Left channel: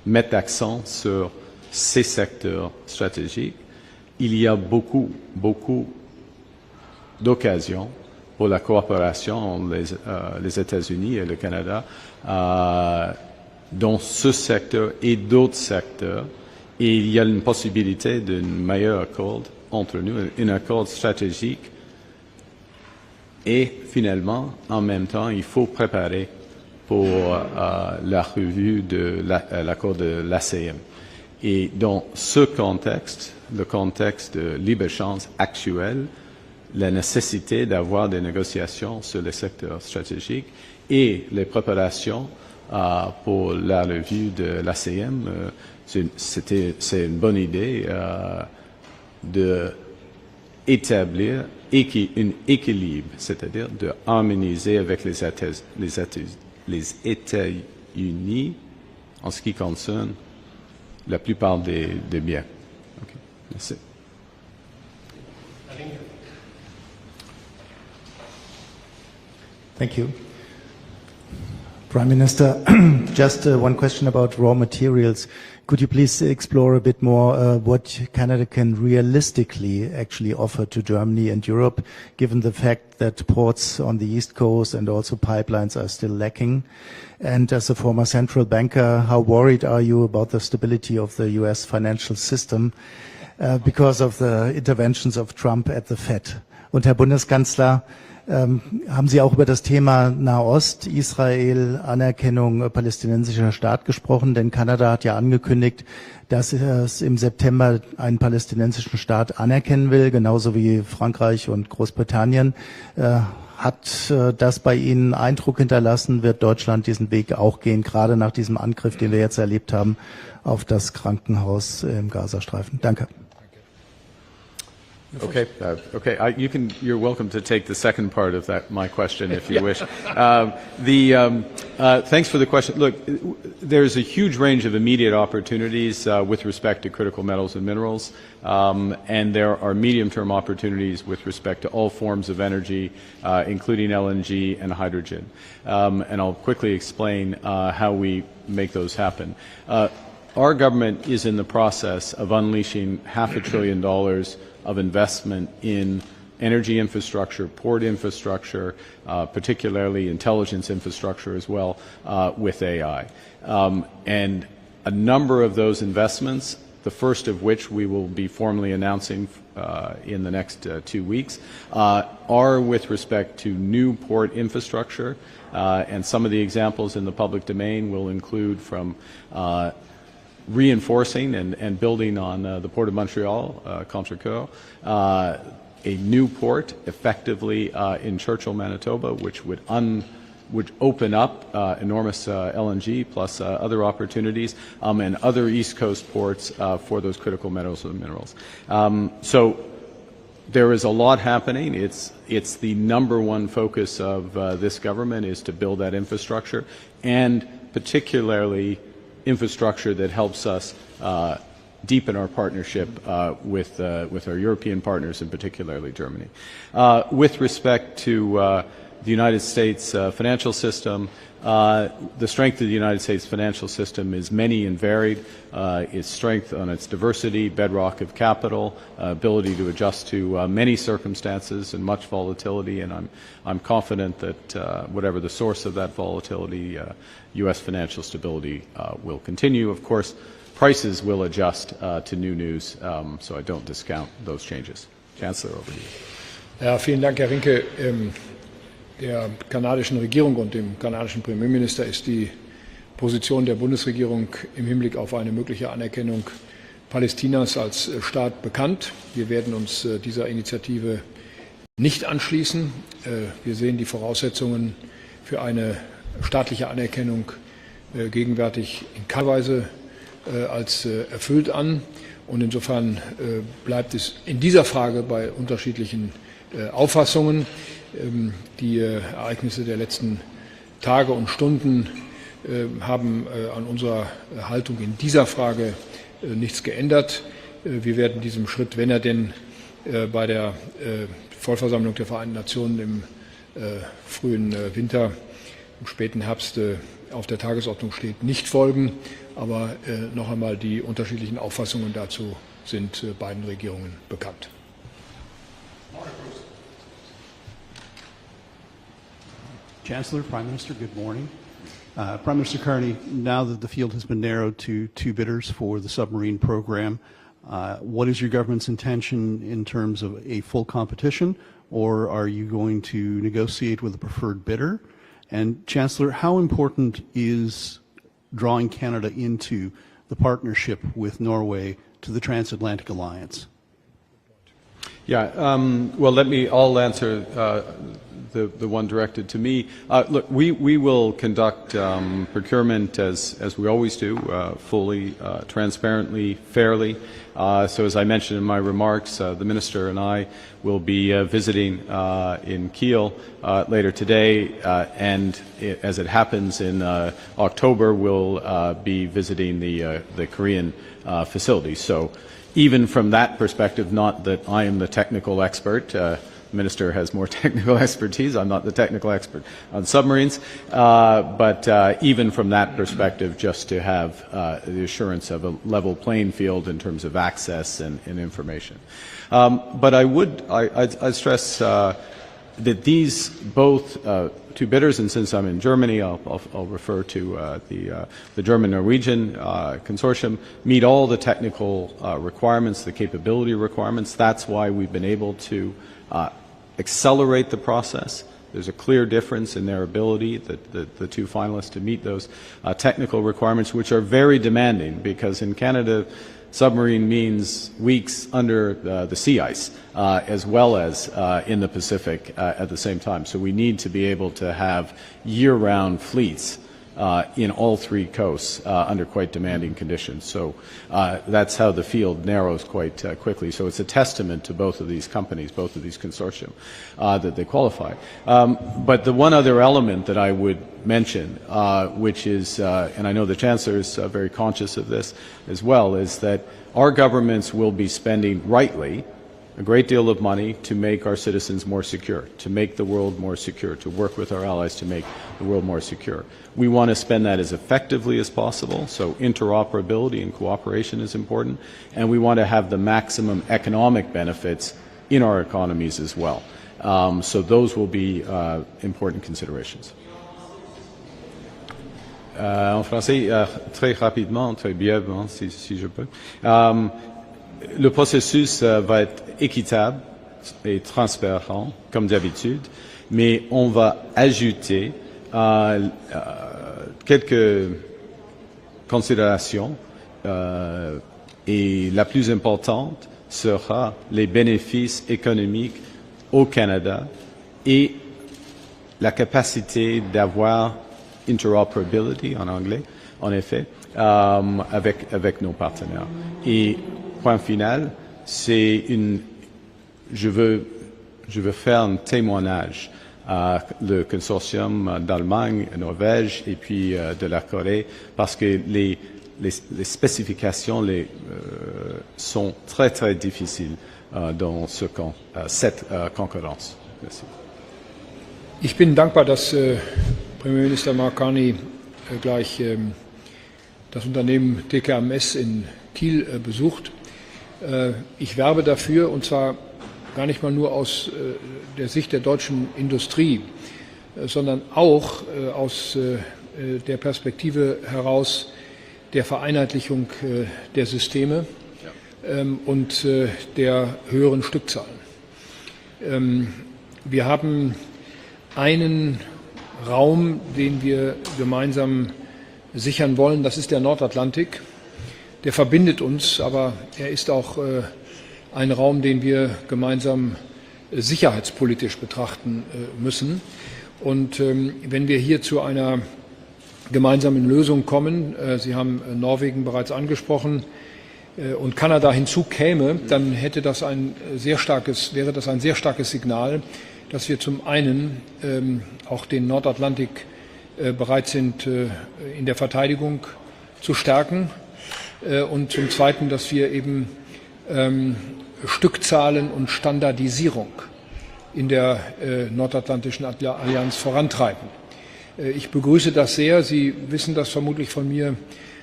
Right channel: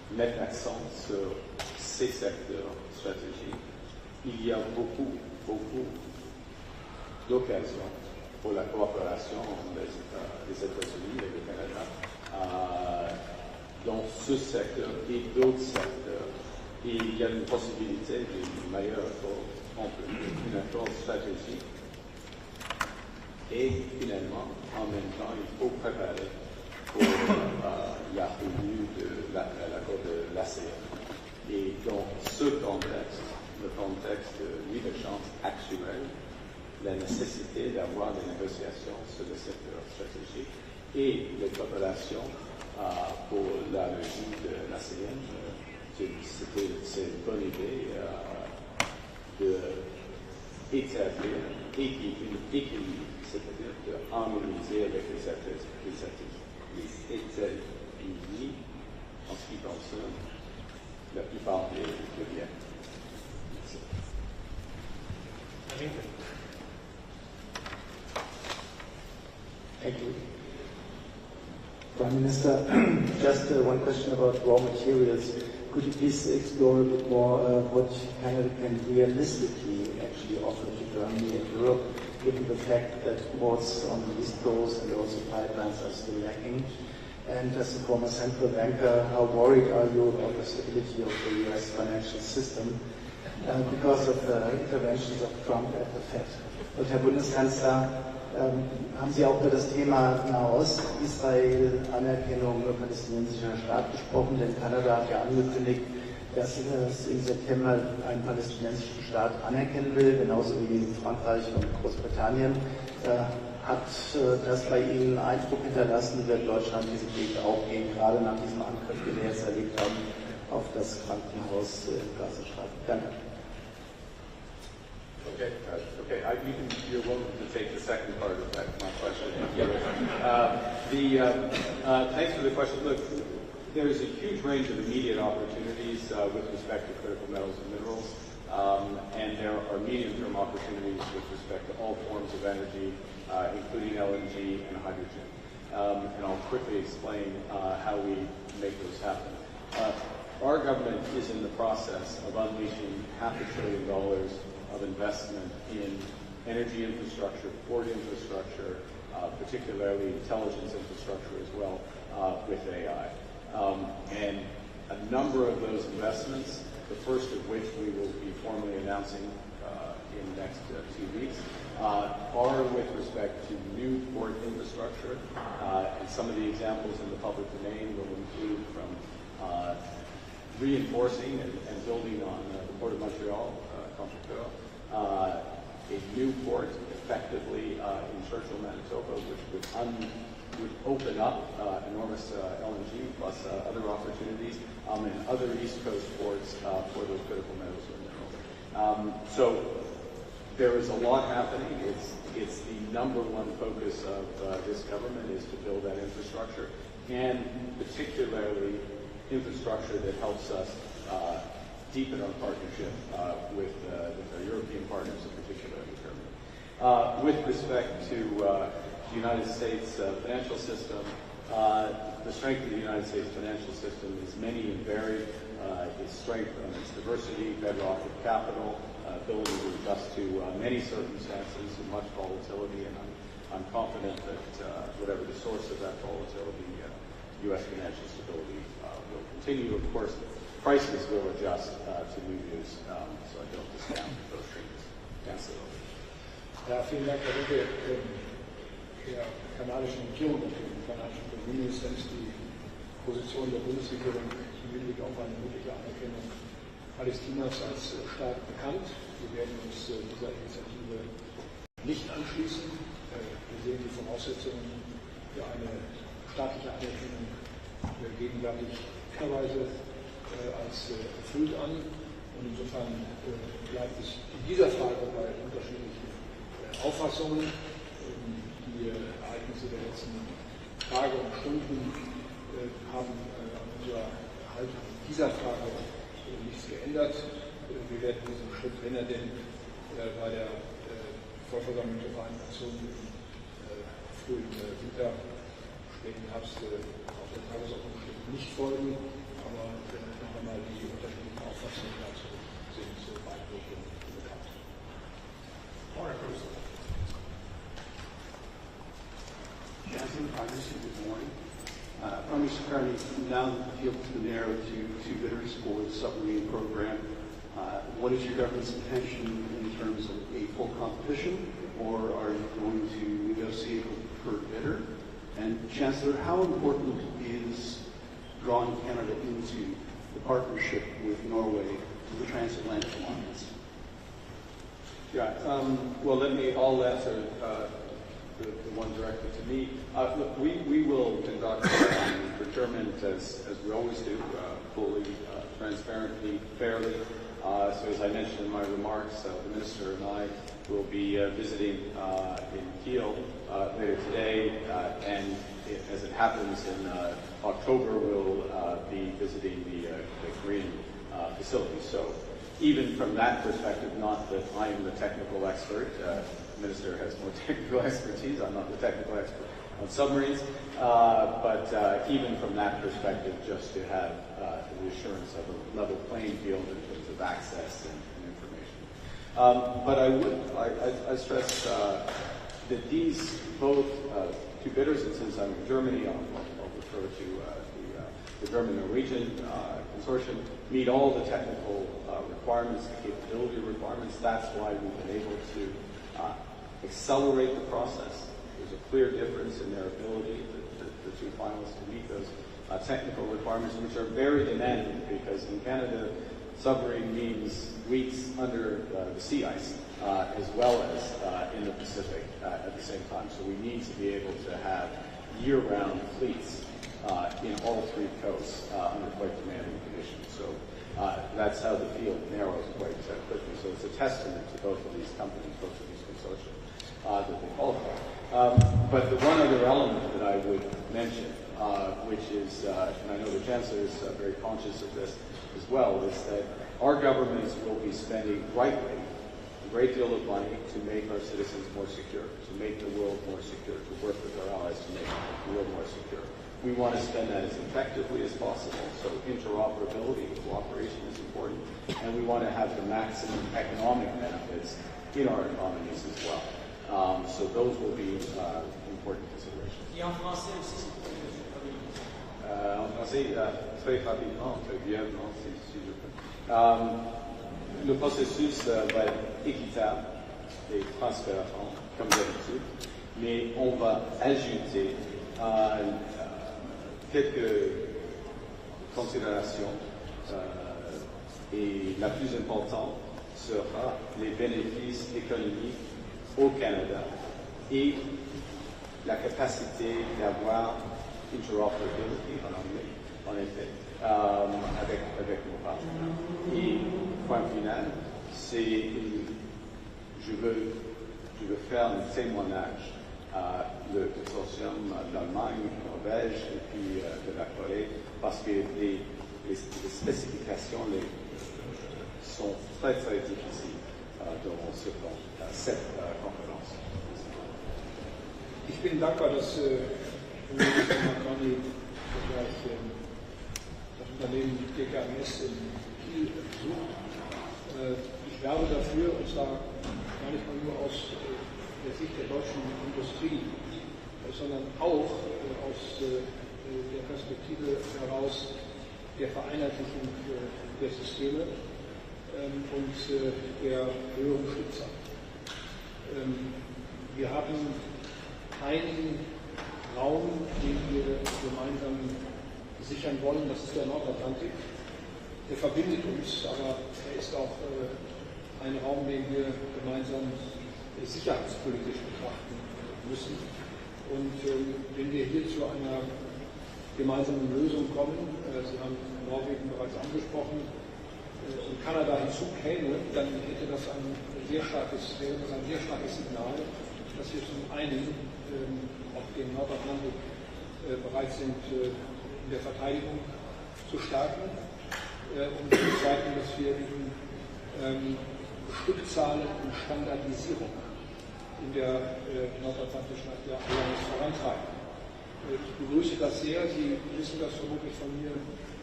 mettent l'accent sur ces secteurs stratégiques. Il y a beaucoup d'occasions pour la coopération entre les États-Unis et le Canada dans ce secteur et d'autres secteurs. Et il y a une possibilité d'un meilleur accord entre nous, un accord stratégique. Et finalement, en même temps, il faut préparer pour la revue de l'accord de l'ACM. Et dans ce contexte, le contexte de libre-échange actuel, la nécessité d'avoir des négociations sur les secteurs stratégiques et les préparations pour la revue de l'ACM, c'est une bonne idée d'établir un équilibre, c'est-à-dire de harmoniser avec les États-Unis en ce qui concerne la plupart des biens. Okay. Merci. Thank you. Prime Minister, just one question about raw materials. Could you please explore a bit more what Canada can realistically actually offer to Germany and Europe, given the fact that ports on the East Coast and also pipelines are still lacking? And as a former central banker, how worried are you about the stability of the US financial system because of the interventions of Trump at the Fed? Und Herr Bundeskanzler, haben Sie auch über das Thema Nahost, Israel, Anerkennung palästinensischer Staat gesprochen? Denn Kanada hat ja angekündigt, dass es im September einen palästinensischen Staat anerkennen will, genauso wie Frankreich und Großbritannien. Hat das bei Ihnen Eindruck hinterlassen? Wird Deutschland diesen Weg auch gehen, gerade nach diesem Angriff, den wir jetzt erlebt haben, auf das Krankenhaus im Gazastreifen? Danke. Okay. You're welcome to take the second part of my question if you wish. Thanks for the question. Look, there's a huge range of immediate opportunities with respect to critical metals and minerals, and there are medium-term opportunities with respect to all forms of energy, including LNG and hydrogen. And I'll quickly explain how we make those happen. Our government is in the process of unleashing $500 billion of investment in energy infrastructure, port infrastructure, particularly intelligence infrastructure as well, with AI. And a number of those investments, the first of which we will be formally announcing in the next 2 weeks, are with respect to new port infrastructure. And some of the examples in the public domain will include from reinforcing and building on the Port of Montreal, Contrecoeur, a new port effectively in Churchill, Manitoba, which would open up enormous LNG plus other opportunities, and other East Coast ports for those critical metals and minerals. So there is a lot happening. It's the number one focus of this government is to build that infrastructure, and particularly infrastructure that helps us deepen our partnership with our European partners, and particularly Germany. With respect to the United States financial system, the strength of the United States financial system is many and varied. Its strength on its diversity, bedrock of capital, ability to adjust to many circumstances and much volatility, and I'm confident that whatever the source of that volatility, U.S. financial stability will continue. Of course, prices will adjust to new news, so I don't discount those changes. Chancellor, over to you. Ja, vielen Dank, Herr Rinke. Der kanadischen Regierung und dem kanadischen Premierminister ist die Position der Bundesregierung im Hinblick auf eine mögliche Anerkennung Palästinas als Staat bekannt. Wir werden uns dieser Initiative nicht anschließen. Wir sehen die Voraussetzungen für eine staatliche Anerkennung gegenwärtig in keiner Weise als erfüllt an. Und insofern bleibt es in dieser Frage bei unterschiedlichen Auffassungen. Die Ereignisse der letzten Tage und Stunden haben an unserer Haltung in dieser Frage nichts geändert. Wir werden diesem Schritt, wenn er denn bei der Vollversammlung der Vereinten Nationen im frühen Winter, im späten Herbst auf der Tagesordnung steht, nicht folgen. Aber noch einmal, die unterschiedlichen Auffassungen dazu sind beiden Regierungen bekannt. Chancellor, Prime Minister, good morning. Prime Minister Carney, now that the field has been narrowed to 2 bidders for the submarine program, what is your government's intention in terms of a full competition, or are you going to negotiate with a preferred bidder? And Chancellor, how important is drawing Canada into the partnership with Norway to the transatlantic alliance? Yeah, well, I'll answer the one directed to me. Look, we will conduct procurement as we always do, fully, transparently, fairly. So as I mentioned in my remarks, the Minister and I will be visiting in Kiel later today, and as it happens in October, we'll be visiting the Korean facility. So even from that perspective, not that I am the technical expert, the Minister has more technical expertise, I'm not the technical expert on submarines, but even from that perspective, just to have the assurance of a level playing field in terms of access and information. But I'd stress that these both 2 bidders, and since I'm in Germany, I'll refer to the German-Norwegian consortium, meet all the technical requirements, the capability requirements. That's why we've been able to accelerate the process. There's a clear difference in their ability, the 2 finalists, to meet those technical requirements, which are very demanding, because in Canada, submarine means weeks under the sea ice, as well as in the Pacific at the same time. So we need to be able to have year-round fleets in all 3 coasts under quite demanding conditions. So that's how the field narrows quite quickly. So it's a testament to both of these companies, both of these consortium, that they qualify. But the one other element that I would mention, which is, and I know the Chancellor is very conscious of this as well, is that our governments will be spending rightly a great deal of money to make our citizens more secure, to make the world more secure, to work with our allies to make the world more secure. We want to spend that as effectively as possible, so interoperability and cooperation is important, and we want to have the maximum economic benefits in our economies as well. So those will be important considerations. En français, très rapidement, très brièvement, si je peux. Le processus va être équitable et transparent, comme d'habitude, mais on va ajouter quelques considérations et la plus importante sera les bénéfices économiques au Canada et la capacité d'avoir interoperability en anglais, en effet, avec nos partenaires. Et point final, c'est je veux faire un témoignage à le consortium d'Allemagne, Norvège et puis de la Corée, parce que les spécifications sont très très difficiles dans cette concurrence. Merci. Ich bin dankbar, dass Premierminister Mark Carney gleich das Unternehmen DKMS in Kiel besucht. Ich werbe dafür, und zwar gar nicht mal nur aus der Sicht der deutschen Industrie, sondern auch aus der Perspektive heraus der Vereinheitlichung der Systeme und der höheren Stückzahlen. Wir haben einen Raum, den wir gemeinsam sichern wollen, das ist der Nordatlantik. Der verbindet uns, aber er ist auch ein Raum, den wir gemeinsam sicherheitspolitisch betrachten müssen. Und wenn wir hier zu einer gemeinsamen Lösung kommen, Sie haben Norwegen bereits angesprochen, und Kanada hinzukäme, dann wäre das ein sehr starkes Signal, dass wir zum einen auch den Nordatlantik bereit sind, in der Verteidigung zu stärken, und zum Zweiten, dass wir eben Stückzahlen und Standardisierung in der Nordatlantischen Allianz vorantreiben. Ich begrüße das sehr. Sie wissen das vermutlich von mir,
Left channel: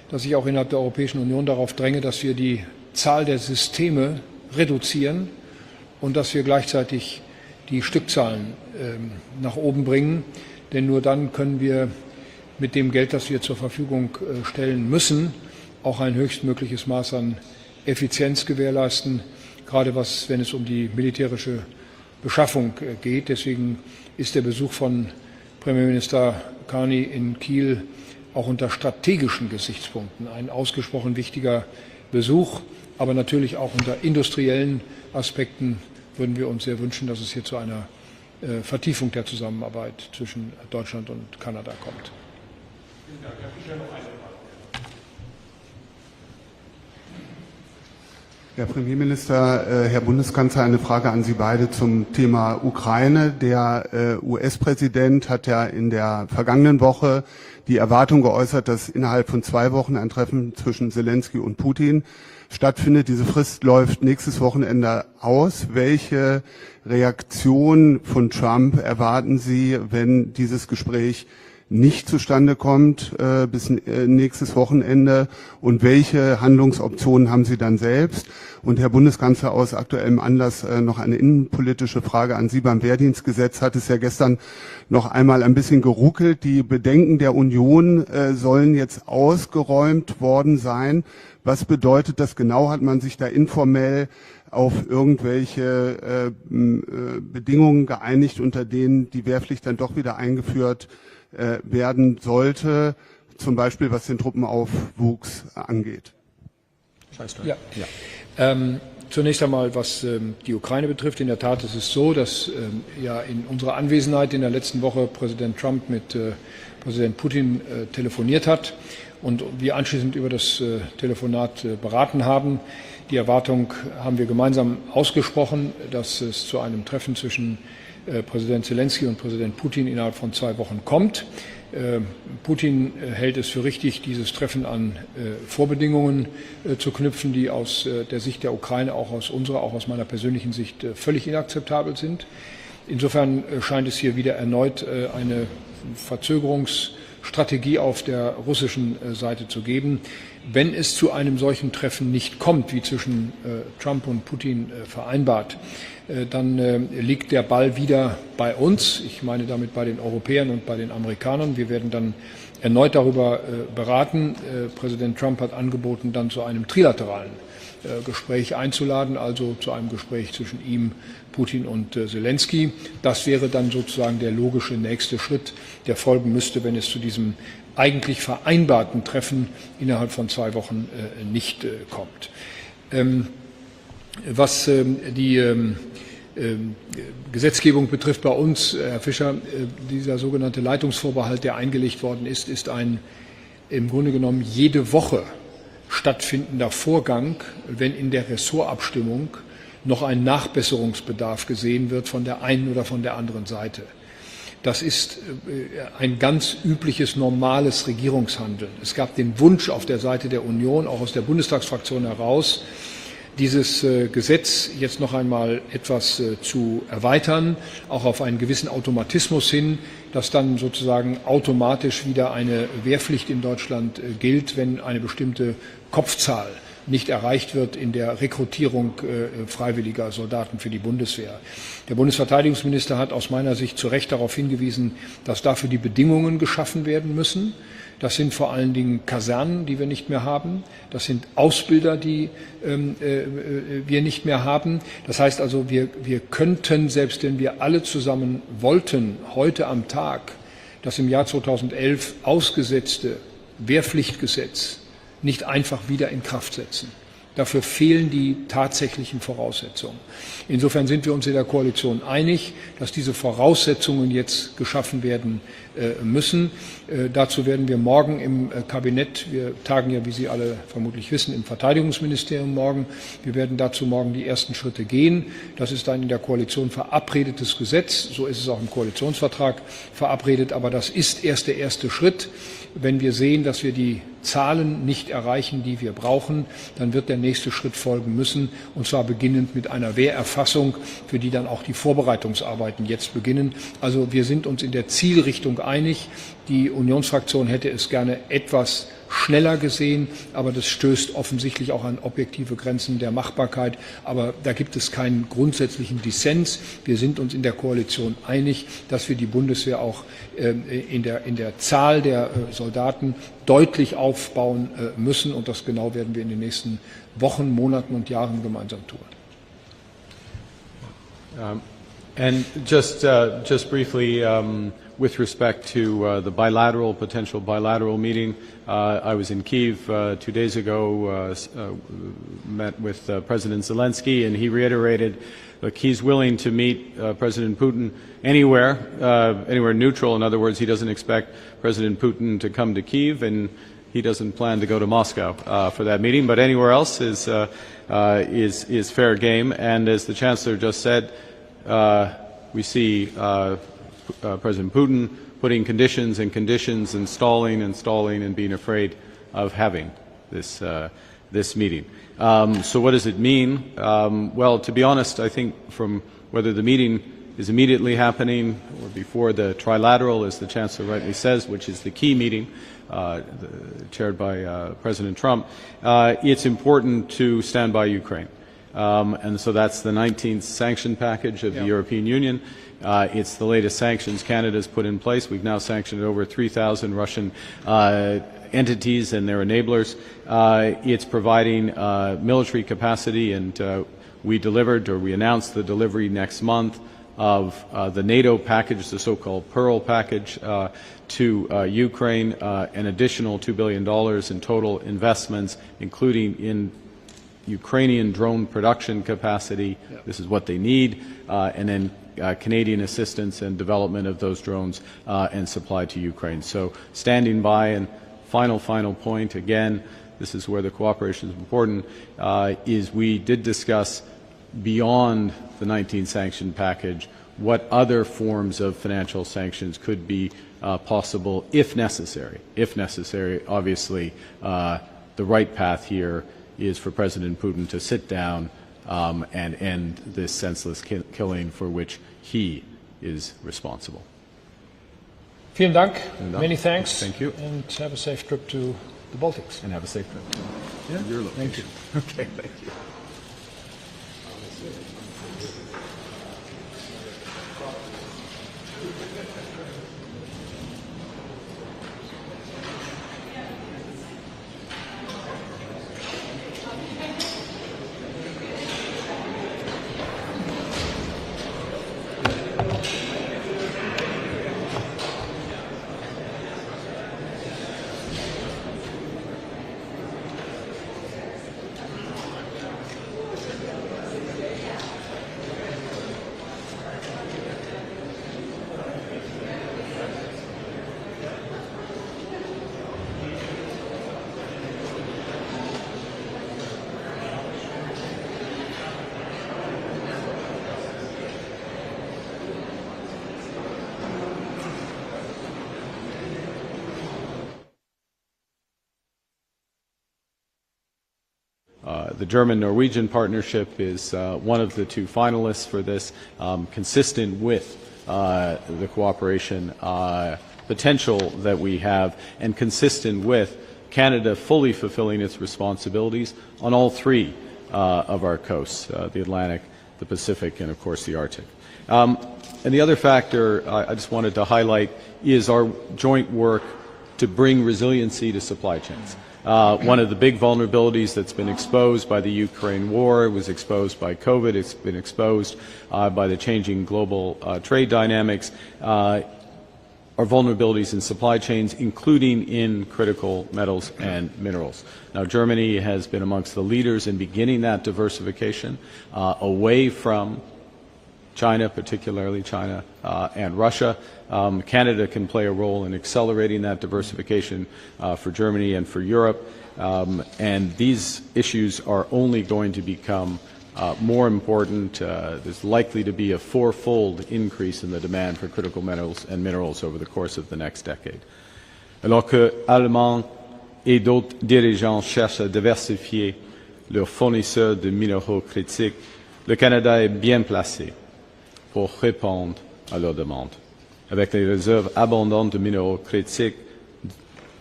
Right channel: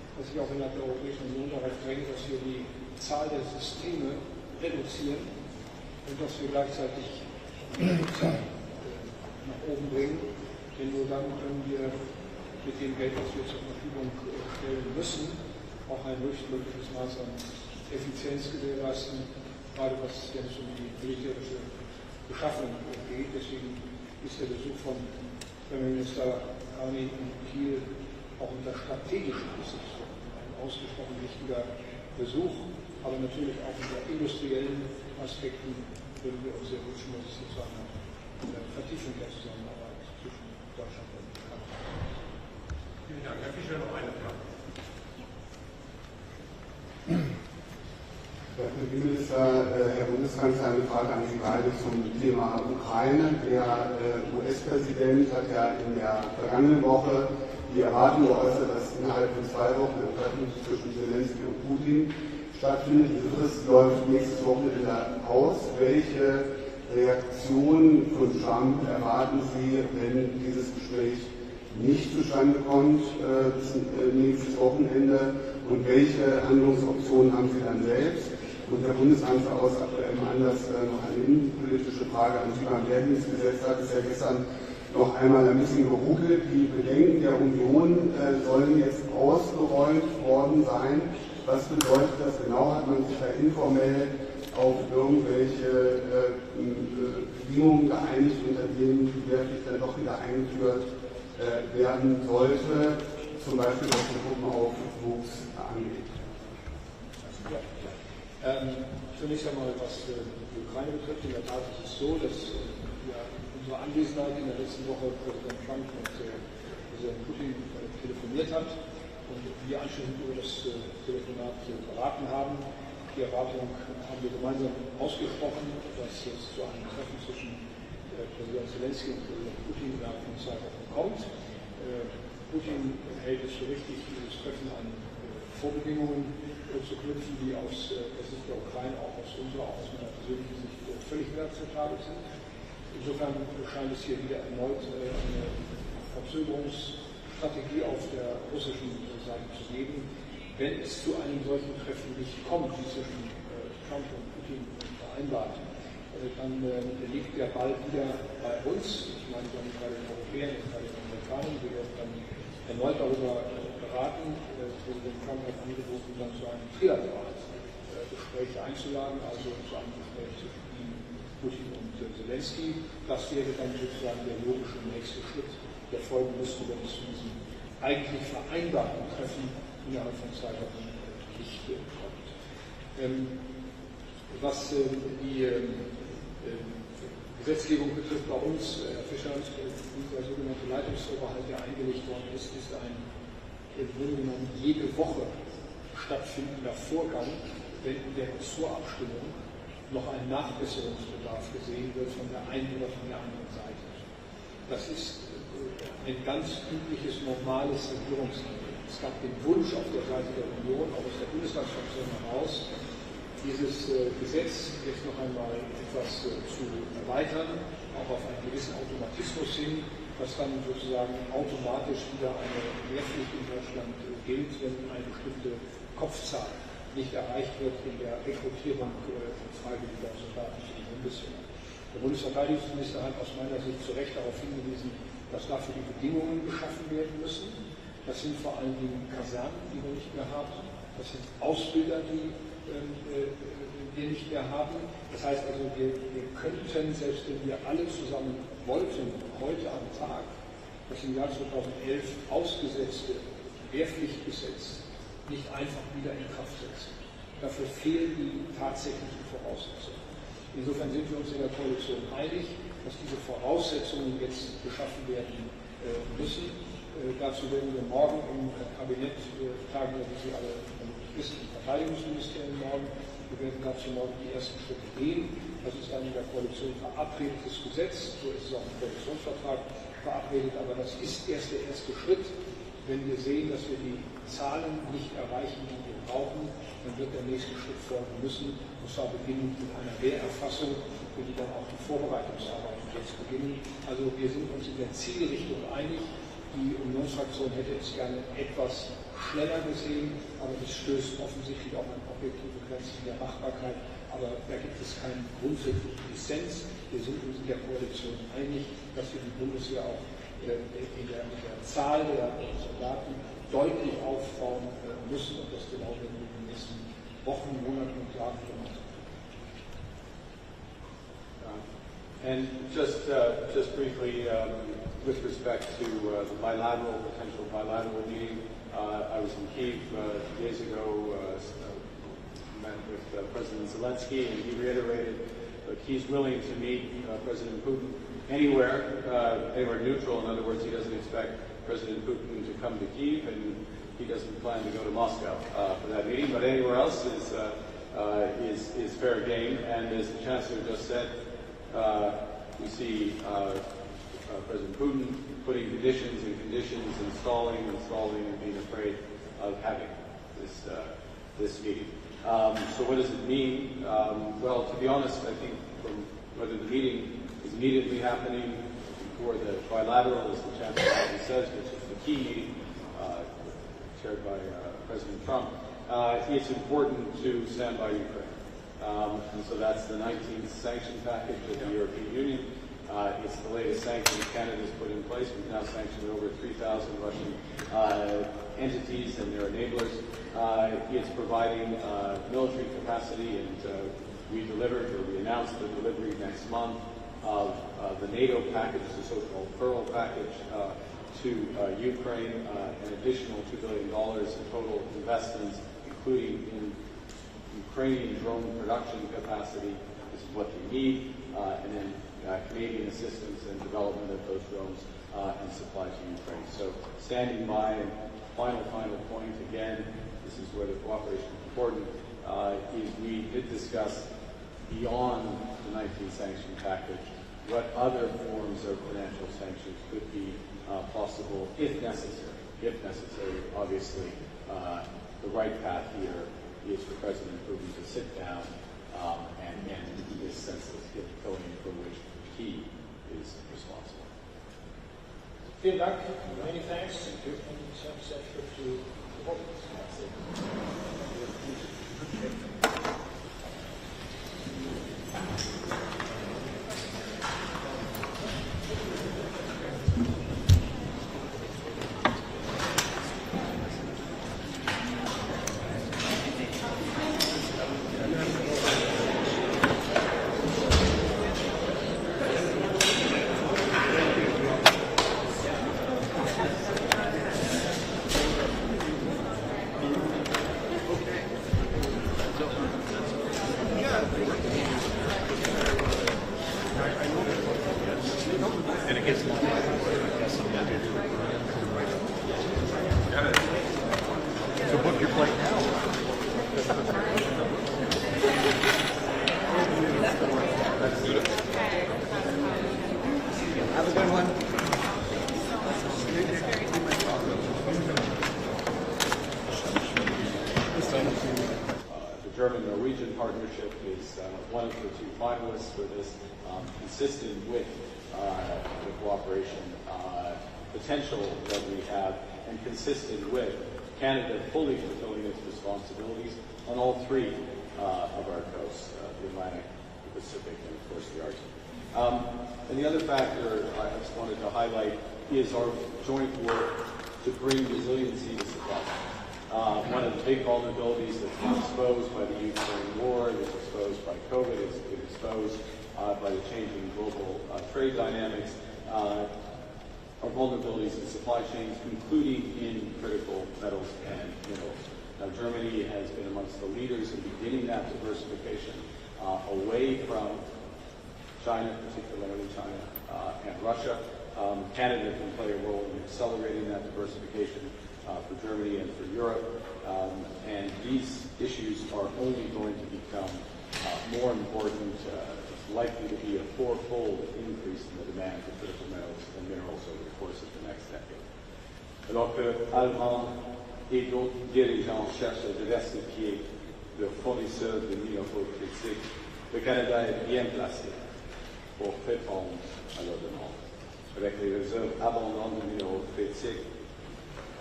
dass ich auch innerhalb der Europäischen Union darauf dränge, dass wir die Zahl der Systeme reduzieren und dass wir gleichzeitig die Stückzahlen nach oben bringen. Denn nur dann können wir mit dem Geld, das wir zur Verfügung stellen müssen, auch ein höchstmögliches Maß an Effizienz gewährleisten, gerade wenn es um die militärische Beschaffung geht. Deswegen ist der Besuch von Premierminister Carney in Kiel auch unter strategischen Gesichtspunkten ein ausgesprochen wichtiger Besuch, aber natürlich auch unter industriellen Aspekten würden wir uns sehr wünschen, dass es hier zu einer Vertiefung der Zusammenarbeit zwischen Deutschland und Kanada kommt. Vielen Dank. Herr Fischer, noch eine Frage. Herr Premierminister, Herr Bundeskanzler, eine Frage an Sie beide zum Thema Ukraine. Der US-Präsident hat ja in der vergangenen Woche die Erwartung geäußert, dass innerhalb von 2 Wochen ein Treffen zwischen Zelensky und Putin stattfindet. Diese Frist läuft nächstes Wochenende aus. Welche Reaktion von Trump erwarten Sie, wenn dieses Gespräch nicht zustande kommt bis nächstes Wochenende? Und welche Handlungsoptionen haben Sie dann selbst? Und Herr Bundeskanzler, aus aktuellem Anlass noch eine innenpolitische Frage an Sie. Beim Wehrdienstgesetz hat es ja gestern noch einmal ein bisschen geruckelt. Die Bedenken der Union sollen jetzt ausgeräumt worden sein. Was bedeutet das genau? Hat man sich da informell auf irgendwelche Bedingungen geeinigt, unter denen die Wehrpflicht dann doch wieder eingeführt werden sollte, zum Beispiel was den Truppenaufwuchs angeht? Ja. Zunächst einmal, was die Ukraine betrifft. In der Tat ist es so, dass ja in unserer Anwesenheit in der letzten Woche Präsident Trump mit Präsident Putin telefoniert hat und wir anschließend über das Telefonat beraten haben. Die Erwartung haben wir gemeinsam ausgesprochen, dass es zu einem Treffen zwischen Präsident Zelensky und Präsident Putin innerhalb von 2 Wochen kommt. Putin hält es für richtig, dieses Treffen an Vorbedingungen zu knüpfen, die aus der Sicht der Ukraine, auch aus unserer, auch aus meiner persönlichen Sicht völlig inakzeptabel sind. Insofern scheint es hier wieder erneut eine Verzögerungsstrategie auf der russischen Seite zu geben. Wenn es zu einem solchen Treffen nicht kommt, wie zwischen Trump und Putin vereinbart, dann liegt der Ball wieder bei uns. Ich meine damit bei den Europäern und bei den Amerikanern. Wir werden dann erneut darüber beraten. Präsident Trump hat angeboten, dann zu einem trilateralen Gespräch einzuladen, also zu einem Gespräch zwischen ihm, Putin und Zelensky. Das wäre dann sozusagen der logische nächste Schritt, der folgen müsste, wenn es zu diesem eigentlich vereinbarten Treffen innerhalb von 2 Wochen nicht kommt. Was die Gesetzgebung betrifft bei uns, Herr Fischer, dieser sogenannte Leitungsvorbehalt, der eingelegt worden ist, ist ein im Grunde genommen jede Woche stattfindender Vorgang, wenn in der Ressortabstimmung noch ein Nachbesserungsbedarf gesehen wird von der einen oder von der anderen Seite. Das ist ein ganz übliches, normales Regierungshandeln. Es gab den Wunsch auf der Seite der Union, auch aus der Bundestagsfraktion heraus, dieses Gesetz jetzt noch einmal etwas zu erweitern, auch auf einen gewissen Automatismus hin, dass dann sozusagen automatisch wieder eine Wehrpflicht in Deutschland gilt, wenn eine bestimmte Kopfzahl nicht erreicht wird in der Rekrutierung freiwilliger Soldaten für die Bundeswehr. Der Bundesverteidigungsminister hat aus meiner Sicht zu Recht darauf hingewiesen, dass dafür die Bedingungen geschaffen werden müssen. Das sind vor allen Dingen Kasernen, die wir nicht mehr haben. Das sind Ausbilder, die wir nicht mehr haben. Das heißt also, wir könnten, selbst wenn wir alle zusammen wollten, heute am Tag das im Jahr 2011 ausgesetzte Wehrpflichtgesetz nicht einfach wieder in Kraft setzen. Dafür fehlen die tatsächlichen Voraussetzungen. Insofern sind wir uns in der Koalition einig, dass diese Voraussetzungen jetzt geschaffen werden müssen. Dazu werden wir morgen im Kabinett, wir tagen ja, wie Sie alle vermutlich wissen, im Verteidigungsministerium morgen, wir werden dazu morgen die ersten Schritte gehen. Das ist ein in der Koalition verabredetes Gesetz, so ist es auch im Koalitionsvertrag verabredet, aber das ist erst der erste Schritt. Wenn wir sehen, dass wir die Zahlen nicht erreichen, die wir brauchen, dann wird der nächste Schritt folgen müssen, und zwar beginnend mit einer Wehrerfassung, für die dann auch die Vorbereitungsarbeiten jetzt beginnen. Also wir sind uns in der Zielrichtung einig. Die Unionsfraktion hätte es gerne etwas schneller gesehen, aber das stößt offensichtlich auch an objektive Grenzen der Machbarkeit. Aber da gibt es keinen grundsätzlichen Dissens. Wir sind uns in der Koalition einig, dass wir die Bundeswehr auch in der Zahl der Soldaten deutlich aufbauen müssen. Und das genau werden wir in den nächsten Wochen, Monaten und Jahren gemeinsam tun. And just briefly, with respect to the potential bilateral meeting, I was in Kyiv 2 days ago, met with President Zelensky, and he reiterated he's willing to meet President Putin anywhere neutral. In other words, he doesn't expect President Putin to come to Kyiv, and he doesn't plan to go to Moscow for that meeting. But anywhere else is fair game. And as the Chancellor just said, we see President Putin putting conditions and stalling and being afraid of having this meeting. So what does it mean? Well, to be honest, I think from whether the meeting is immediately happening or before the trilateral, as the Chancellor rightly says, which is the key meeting chaired by President Trump, it's important to stand by Ukraine. And so that's the 19th sanction package of the European Union. It's the latest sanctions Canada's put in place. We've now sanctioned over 3,000 Russian entities and their enablers. It's providing military capacity, and we announced the delivery next month of the NATO package, the so-called Pearl package, to Ukraine, an additional $2 billion in total investments, including in Ukrainian drone production capacity. This is what they need, and then Canadian assistance and development of those drones and supply to Ukraine. So standing by, and final point, again, this is where the cooperation is important, is we did discuss beyond the 19 sanction package what other forms of financial sanctions could be possible if necessary. If necessary, obviously, the right path here is for President Putin to sit down and end this senseless killing for which he is responsible. Vielen Dank. Many thanks. Thank you. And have a safe trip to the Baltics. And have a safe trip. Yeah. Thank you. Okay, thanks. The German-Norwegian partnership is one of the two finalists for this, consistent with the cooperation potential that we have, and consistent with Canada fully fulfilling its responsibilities on all three of our coasts, the Atlantic, the Pacific, and of course the Arctic. And the other factor I just wanted to highlight is our joint work to bring resiliency to supply chains. One of the big vulnerabilities that's been exposed by the Ukraine war, it was exposed by COVID, it's been exposed by the changing global trade dynamics, are vulnerabilities in supply chains, including in critical metals and minerals. Now, Germany has been amongst the leaders in beginning that diversification away from China, particularly China and Russia. Canada can play a role in accelerating that diversification for Germany and for Europe. And these issues are only going to become more important. There's likely to be a fourfold increase in the demand for critical metals and minerals over the course of the next decade. Alors que Allemands et d'autres dirigeants cherchent à diversifier leurs fournisseurs de minéraux critiques, le Canada est bien placé pour répondre à leurs demandes. Avec les réserves abondantes de minéraux critiques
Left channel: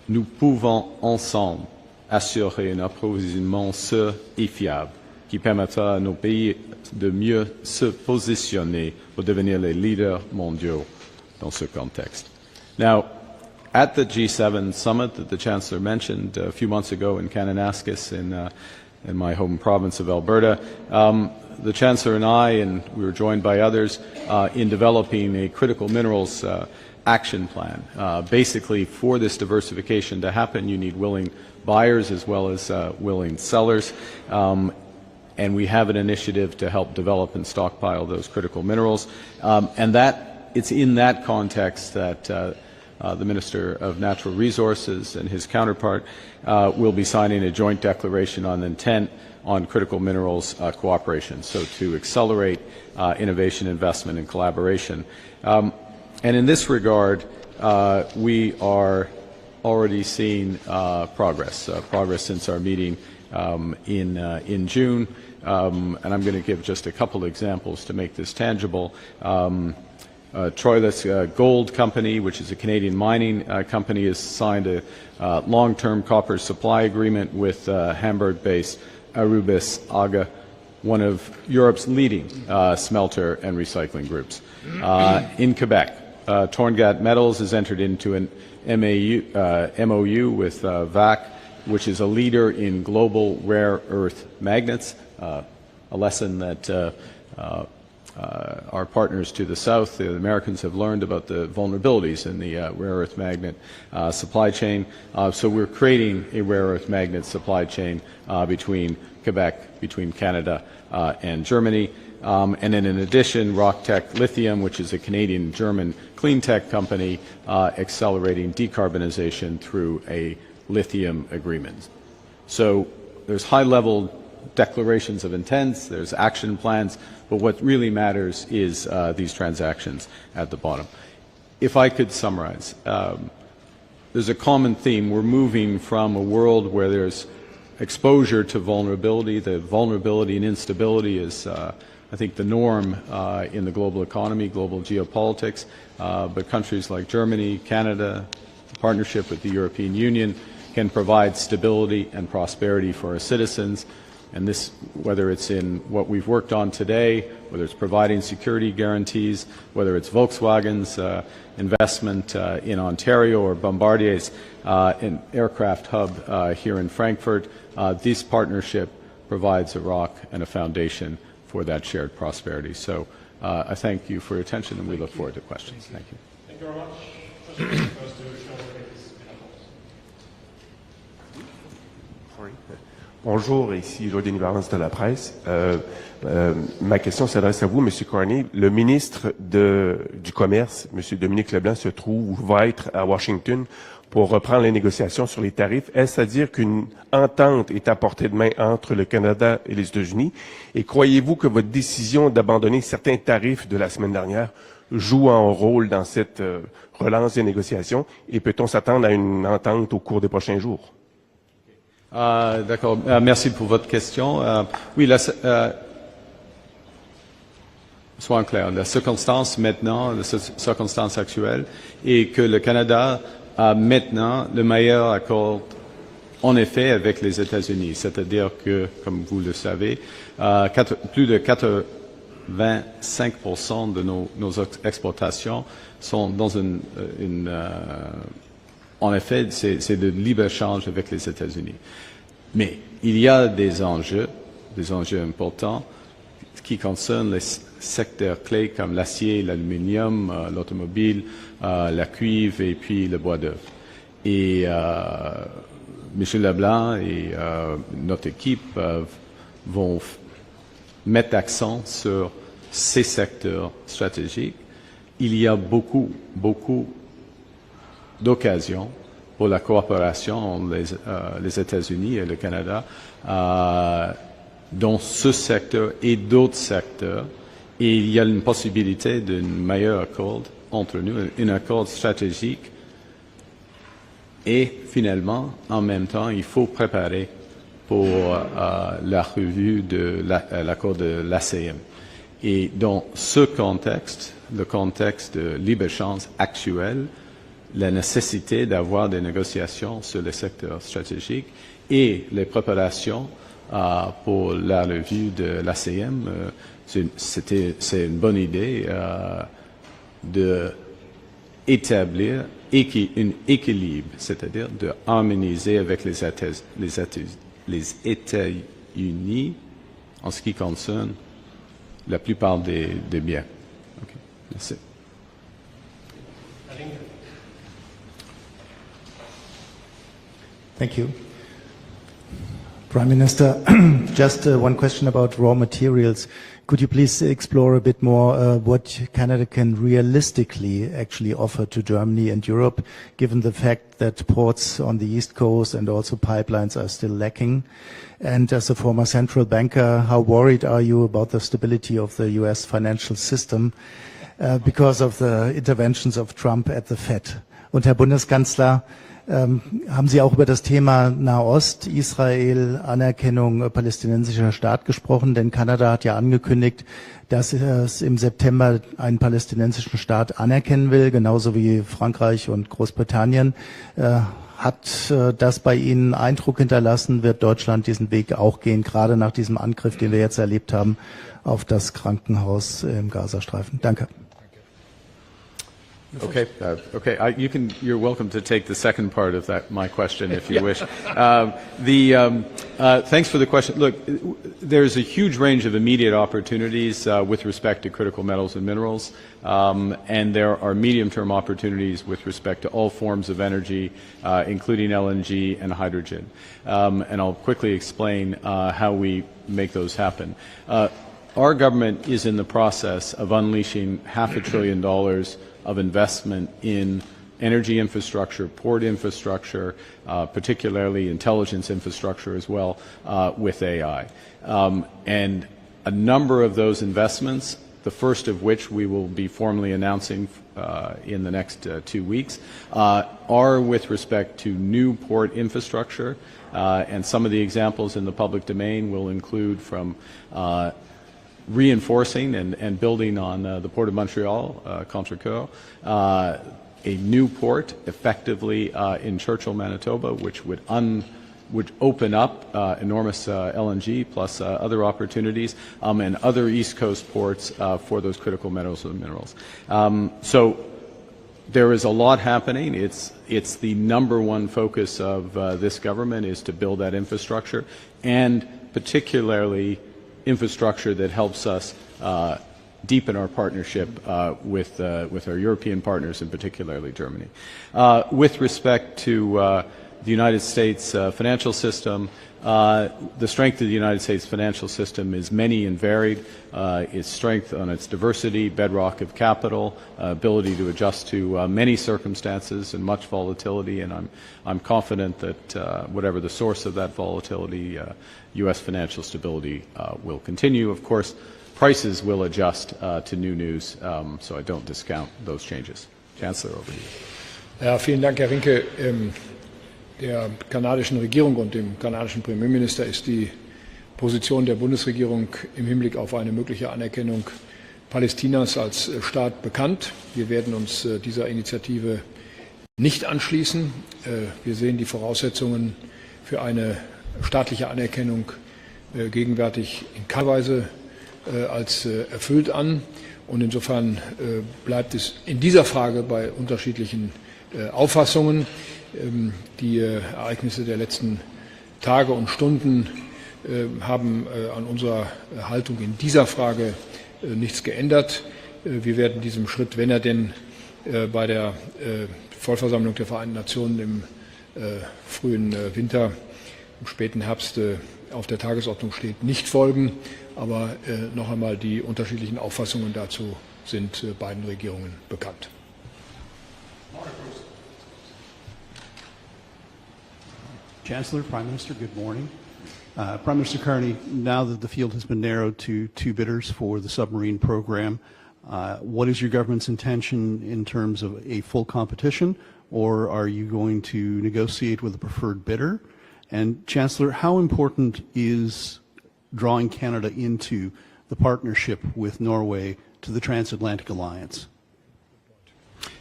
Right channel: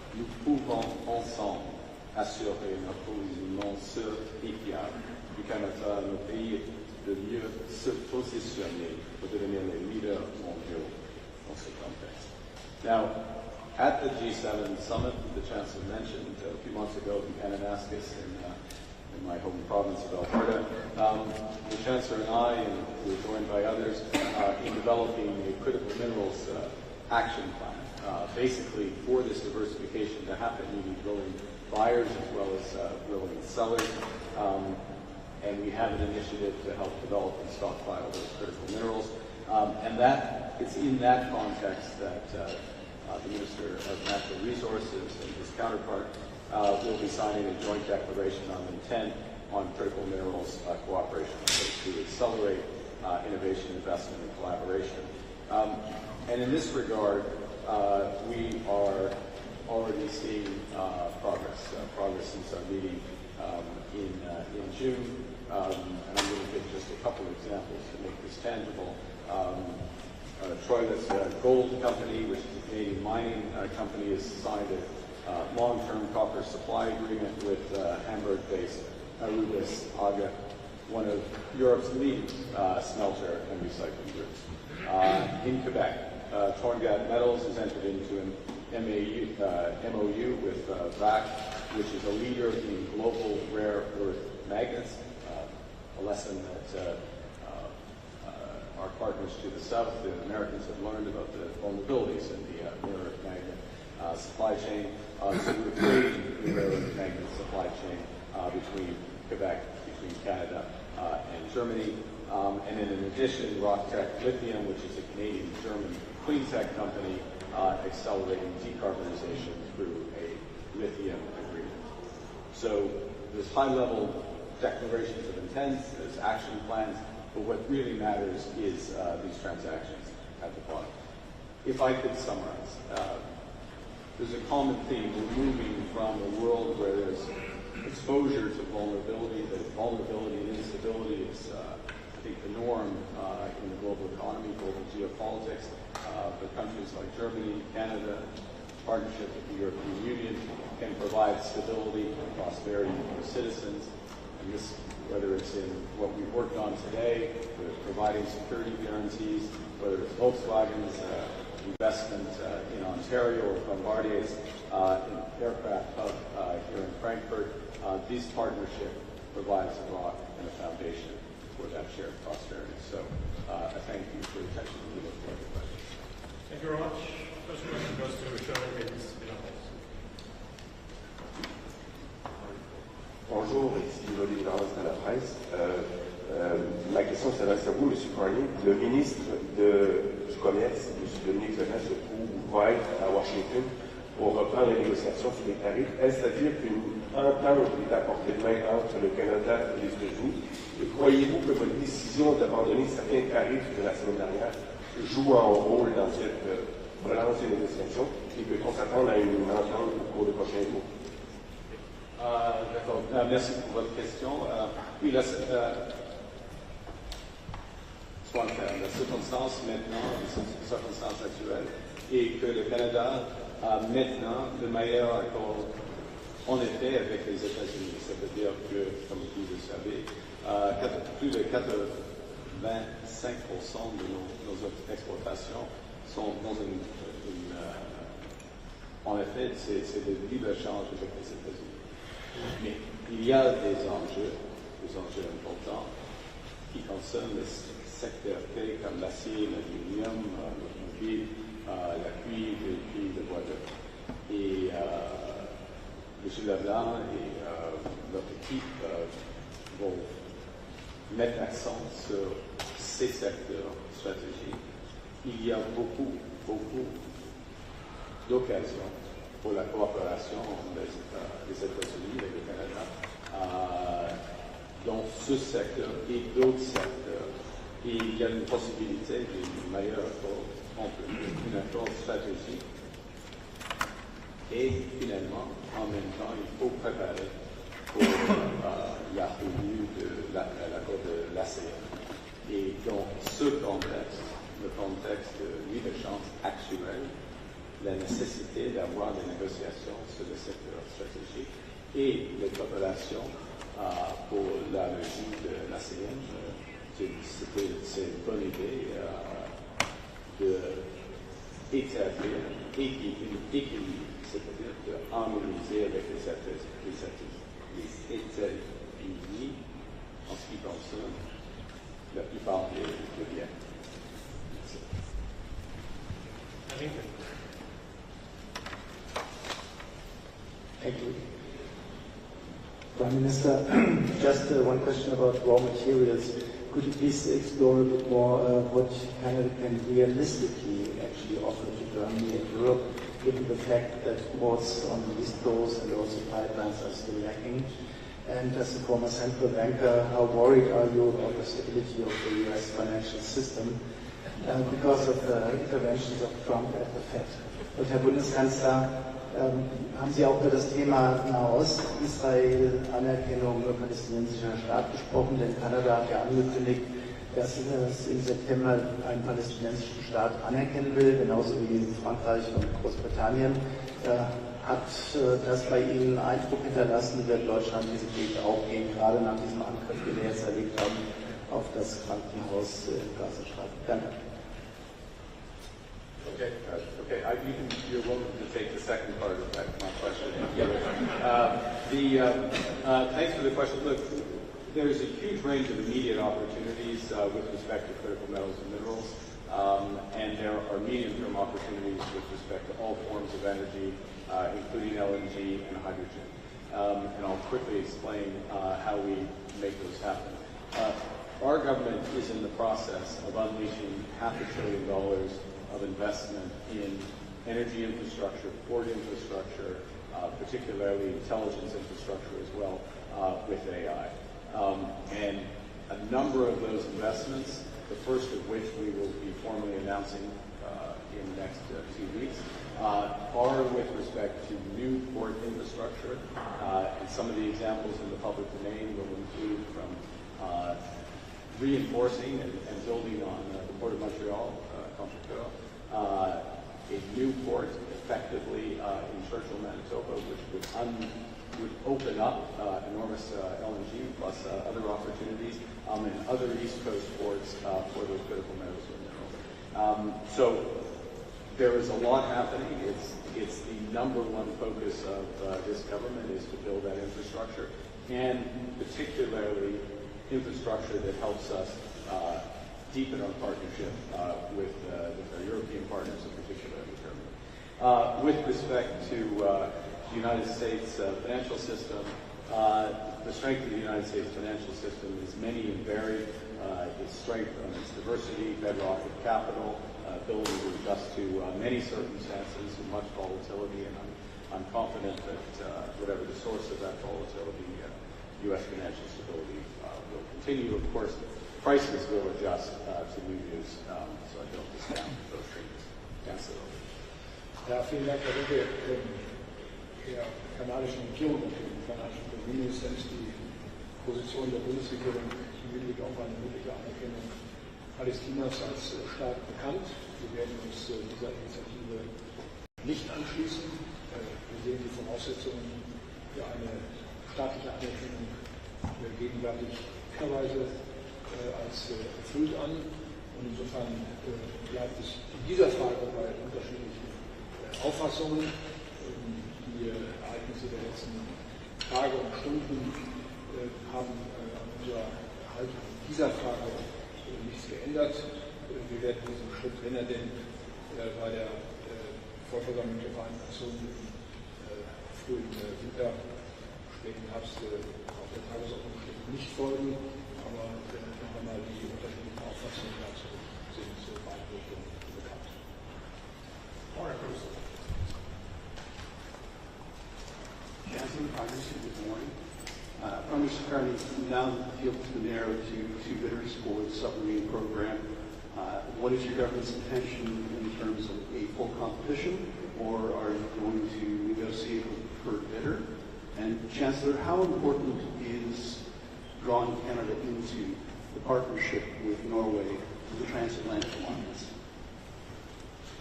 nous pouvons ensemble assurer un approvisionnement sûr et fiable qui permettra à nos pays de mieux se positionner pour devenir les leaders mondiaux dans ce contexte. Now, at the G7 summit that the Chancellor mentioned a few months ago in Kananaskis in my home province of Alberta, the Chancellor and I, and we were joined by others, in developing a critical minerals action plan. Basically, for this diversification to happen, you need willing buyers as well as willing sellers. And we have an initiative to help develop and stockpile those critical minerals. And it's in that context that the Minister of Natural Resources and his counterpart will be signing a joint declaration on intent on critical minerals cooperation, so to accelerate innovation, investment, and collaboration. And in this regard, we are already seeing progress since our meeting in June. And I'm going to give just a couple examples to make this tangible. Troilus Gold Company, which is a Canadian mining company, has signed a long-term copper supply agreement with Hamburg-based Arubis AGA, one of Europe's leading smelter and recycling groups. In Quebec, Torngat Metals has entered into an MOU with VAC, which is a leader in global rare earth magnets, a lesson that our partners to the south, the Americans, have learned about the vulnerabilities in the rare earth magnet supply chain. So we're creating a rare earth magnet supply chain between Quebec, between Canada and Germany. And then in addition, RockTech Lithium, which is a Canadian-German clean tech company, accelerating decarbonization through a lithium agreement. So there's high-level declarations of intent, there's action plans, but what really matters is these transactions at the bottom. If I could summarize, there's a common theme. We're moving from a world where there's exposure to vulnerability. The vulnerability and instability is, I think, the norm in the global economy, global geopolitics, but countries like Germany, Canada, partnership with the European Union, can provide stability and prosperity for our citizens. And this, whether it's in what we've worked on today, whether it's providing security guarantees, whether it's Volkswagen's investment in Ontario or Bombardier's an aircraft hub here in Frankfurt, this partnership provides a rock and a foundation for that shared prosperity. So I thank you for your attention, and we look forward to questions. Thank you. Thank you very much. Bonjour, ici Lord des Gouvernances de la presse. Ma question s'adresse à vous, M. Carney. Le ministre du Commerce, M. Dominique Leblanc, se trouve ou va être à Washington pour reprendre les négociations sur les tarifs. Est-ce à dire qu'une entente est à portée de main entre le Canada et les États-Unis? Et croyez-vous que votre décision d'abandonner certains tarifs de la semaine dernière joue un rôle dans cette relance des négociations? Et peut-on s'attendre à une entente au cours des prochains jours? D'accord. Merci pour votre question. Oui, soyons clairs. La circonstance maintenant, la circonstance actuelle, est que le Canada a maintenant le meilleur accord, en effet, avec les États-Unis. C'est-à-dire que, comme vous le savez, plus de 85% de nos exportations sont dans en effet, c'est de libre-échange avec les États-Unis. Mais il y a des enjeux importants qui concernent les secteurs clés comme l'acier, l'aluminium, l'automobile, la cuivre et puis le bois d'œuvre. Et M. Leblanc et notre équipe vont mettre l'accent sur ces secteurs stratégiques. Il y a beaucoup d'occasions pour la coopération entre les États-Unis et le Canada dans ce secteur et d'autres secteurs. Et il y a une possibilité d'un meilleur accord entre nous, un accord stratégique. Et finalement, en même temps, il faut préparer pour la revue de l'accord de l'ACM. Et dans ce contexte, le contexte de libre-échange actuel, la nécessité d'avoir des négociations sur les secteurs stratégiques et les préparations pour la revue de l'ACM. C'est une bonne idée d'établir un équilibre, c'est-à-dire de harmoniser avec les États-Unis en ce qui concerne la plupart des biens. Okay. Merci. Thank you. Prime Minister, just one question about raw materials. Could you please explore a bit more what Canada can realistically actually offer to Germany and Europe, given the fact that ports on the East Coast and also pipelines are still lacking? And as a former central banker, how worried are you about the stability of the US financial system because of the interventions of Trump at the Fed? Und Herr Bundeskanzler, haben Sie auch über das Thema Nahost, Israel, Anerkennung palästinensischer Staat gesprochen? Denn Kanada hat ja angekündigt, dass es im September einen palästinensischen Staat anerkennen will, genauso wie Frankreich und Großbritannien. Hat das bei Ihnen Eindruck hinterlassen? Wird Deutschland diesen Weg auch gehen, gerade nach diesem Angriff, den wir jetzt erlebt haben, auf das Krankenhaus im Gazastreifen? Danke. Okay. You're welcome to take the second part of my question if you wish. Thanks for the question. Look, there's a huge range of immediate opportunities with respect to critical metals and minerals, and there are medium-term opportunities with respect to all forms of energy, including LNG and hydrogen. And I'll quickly explain how we make those happen. Our government is in the process of unleashing $500 billion of investment in energy infrastructure, port infrastructure, particularly intelligence infrastructure as well, with AI. And a number of those investments, the first of which we will be formally announcing in the next 2 weeks, are with respect to new port infrastructure. And some of the examples in the public domain will include from reinforcing and building on the Port of Montreal, Chancellor, a new port effectively in Churchill, Manitoba, which would open up enormous LNG plus other opportunities and other East Coast ports for those critical metals and minerals. So there is a lot happening. It's the number one focus of this government is to build that infrastructure, and particularly infrastructure that helps us deepen our partnership with our European partners, and particularly Germany. With respect to the United States financial system, the strength of the United States financial system is many and varied. Its strength on its diversity, bedrock of capital, ability to adjust to many circumstances and much volatility, and I'm confident that whatever the source of that volatility, U.S. financial stability will continue. Of course, prices will adjust to new news, so I don't discount those changes. Chancellor, over to you. Ja, vielen Dank, Herr Rinke. Der kanadischen Regierung und dem kanadischen Premierminister ist die Position der Bundesregierung im Hinblick auf eine mögliche Anerkennung Palästinas als Staat bekannt. Wir werden uns dieser Initiative nicht anschließen. Wir sehen die Voraussetzungen für eine staatliche Anerkennung gegenwärtig in keiner Weise als erfüllt an. Und insofern bleibt es in dieser Frage bei unterschiedlichen Auffassungen. Die Ereignisse der letzten Tage und Stunden haben an unserer Haltung in dieser Frage nichts geändert. Wir werden diesem Schritt, wenn er denn bei der Vollversammlung der Vereinten Nationen im frühen Winter, im späten Herbst auf der Tagesordnung steht, nicht folgen. Aber noch einmal, die unterschiedlichen Auffassungen dazu sind beiden Regierungen bekannt. Chancellor, Prime Minister, good morning. Prime Minister Carney, now that the field has been narrowed to 2 bidders for the submarine program, what is your government's intention in terms of a full competition, or are you going to negotiate with a preferred bidder? And Chancellor, how important is drawing Canada into the partnership with Norway to the transatlantic alliance?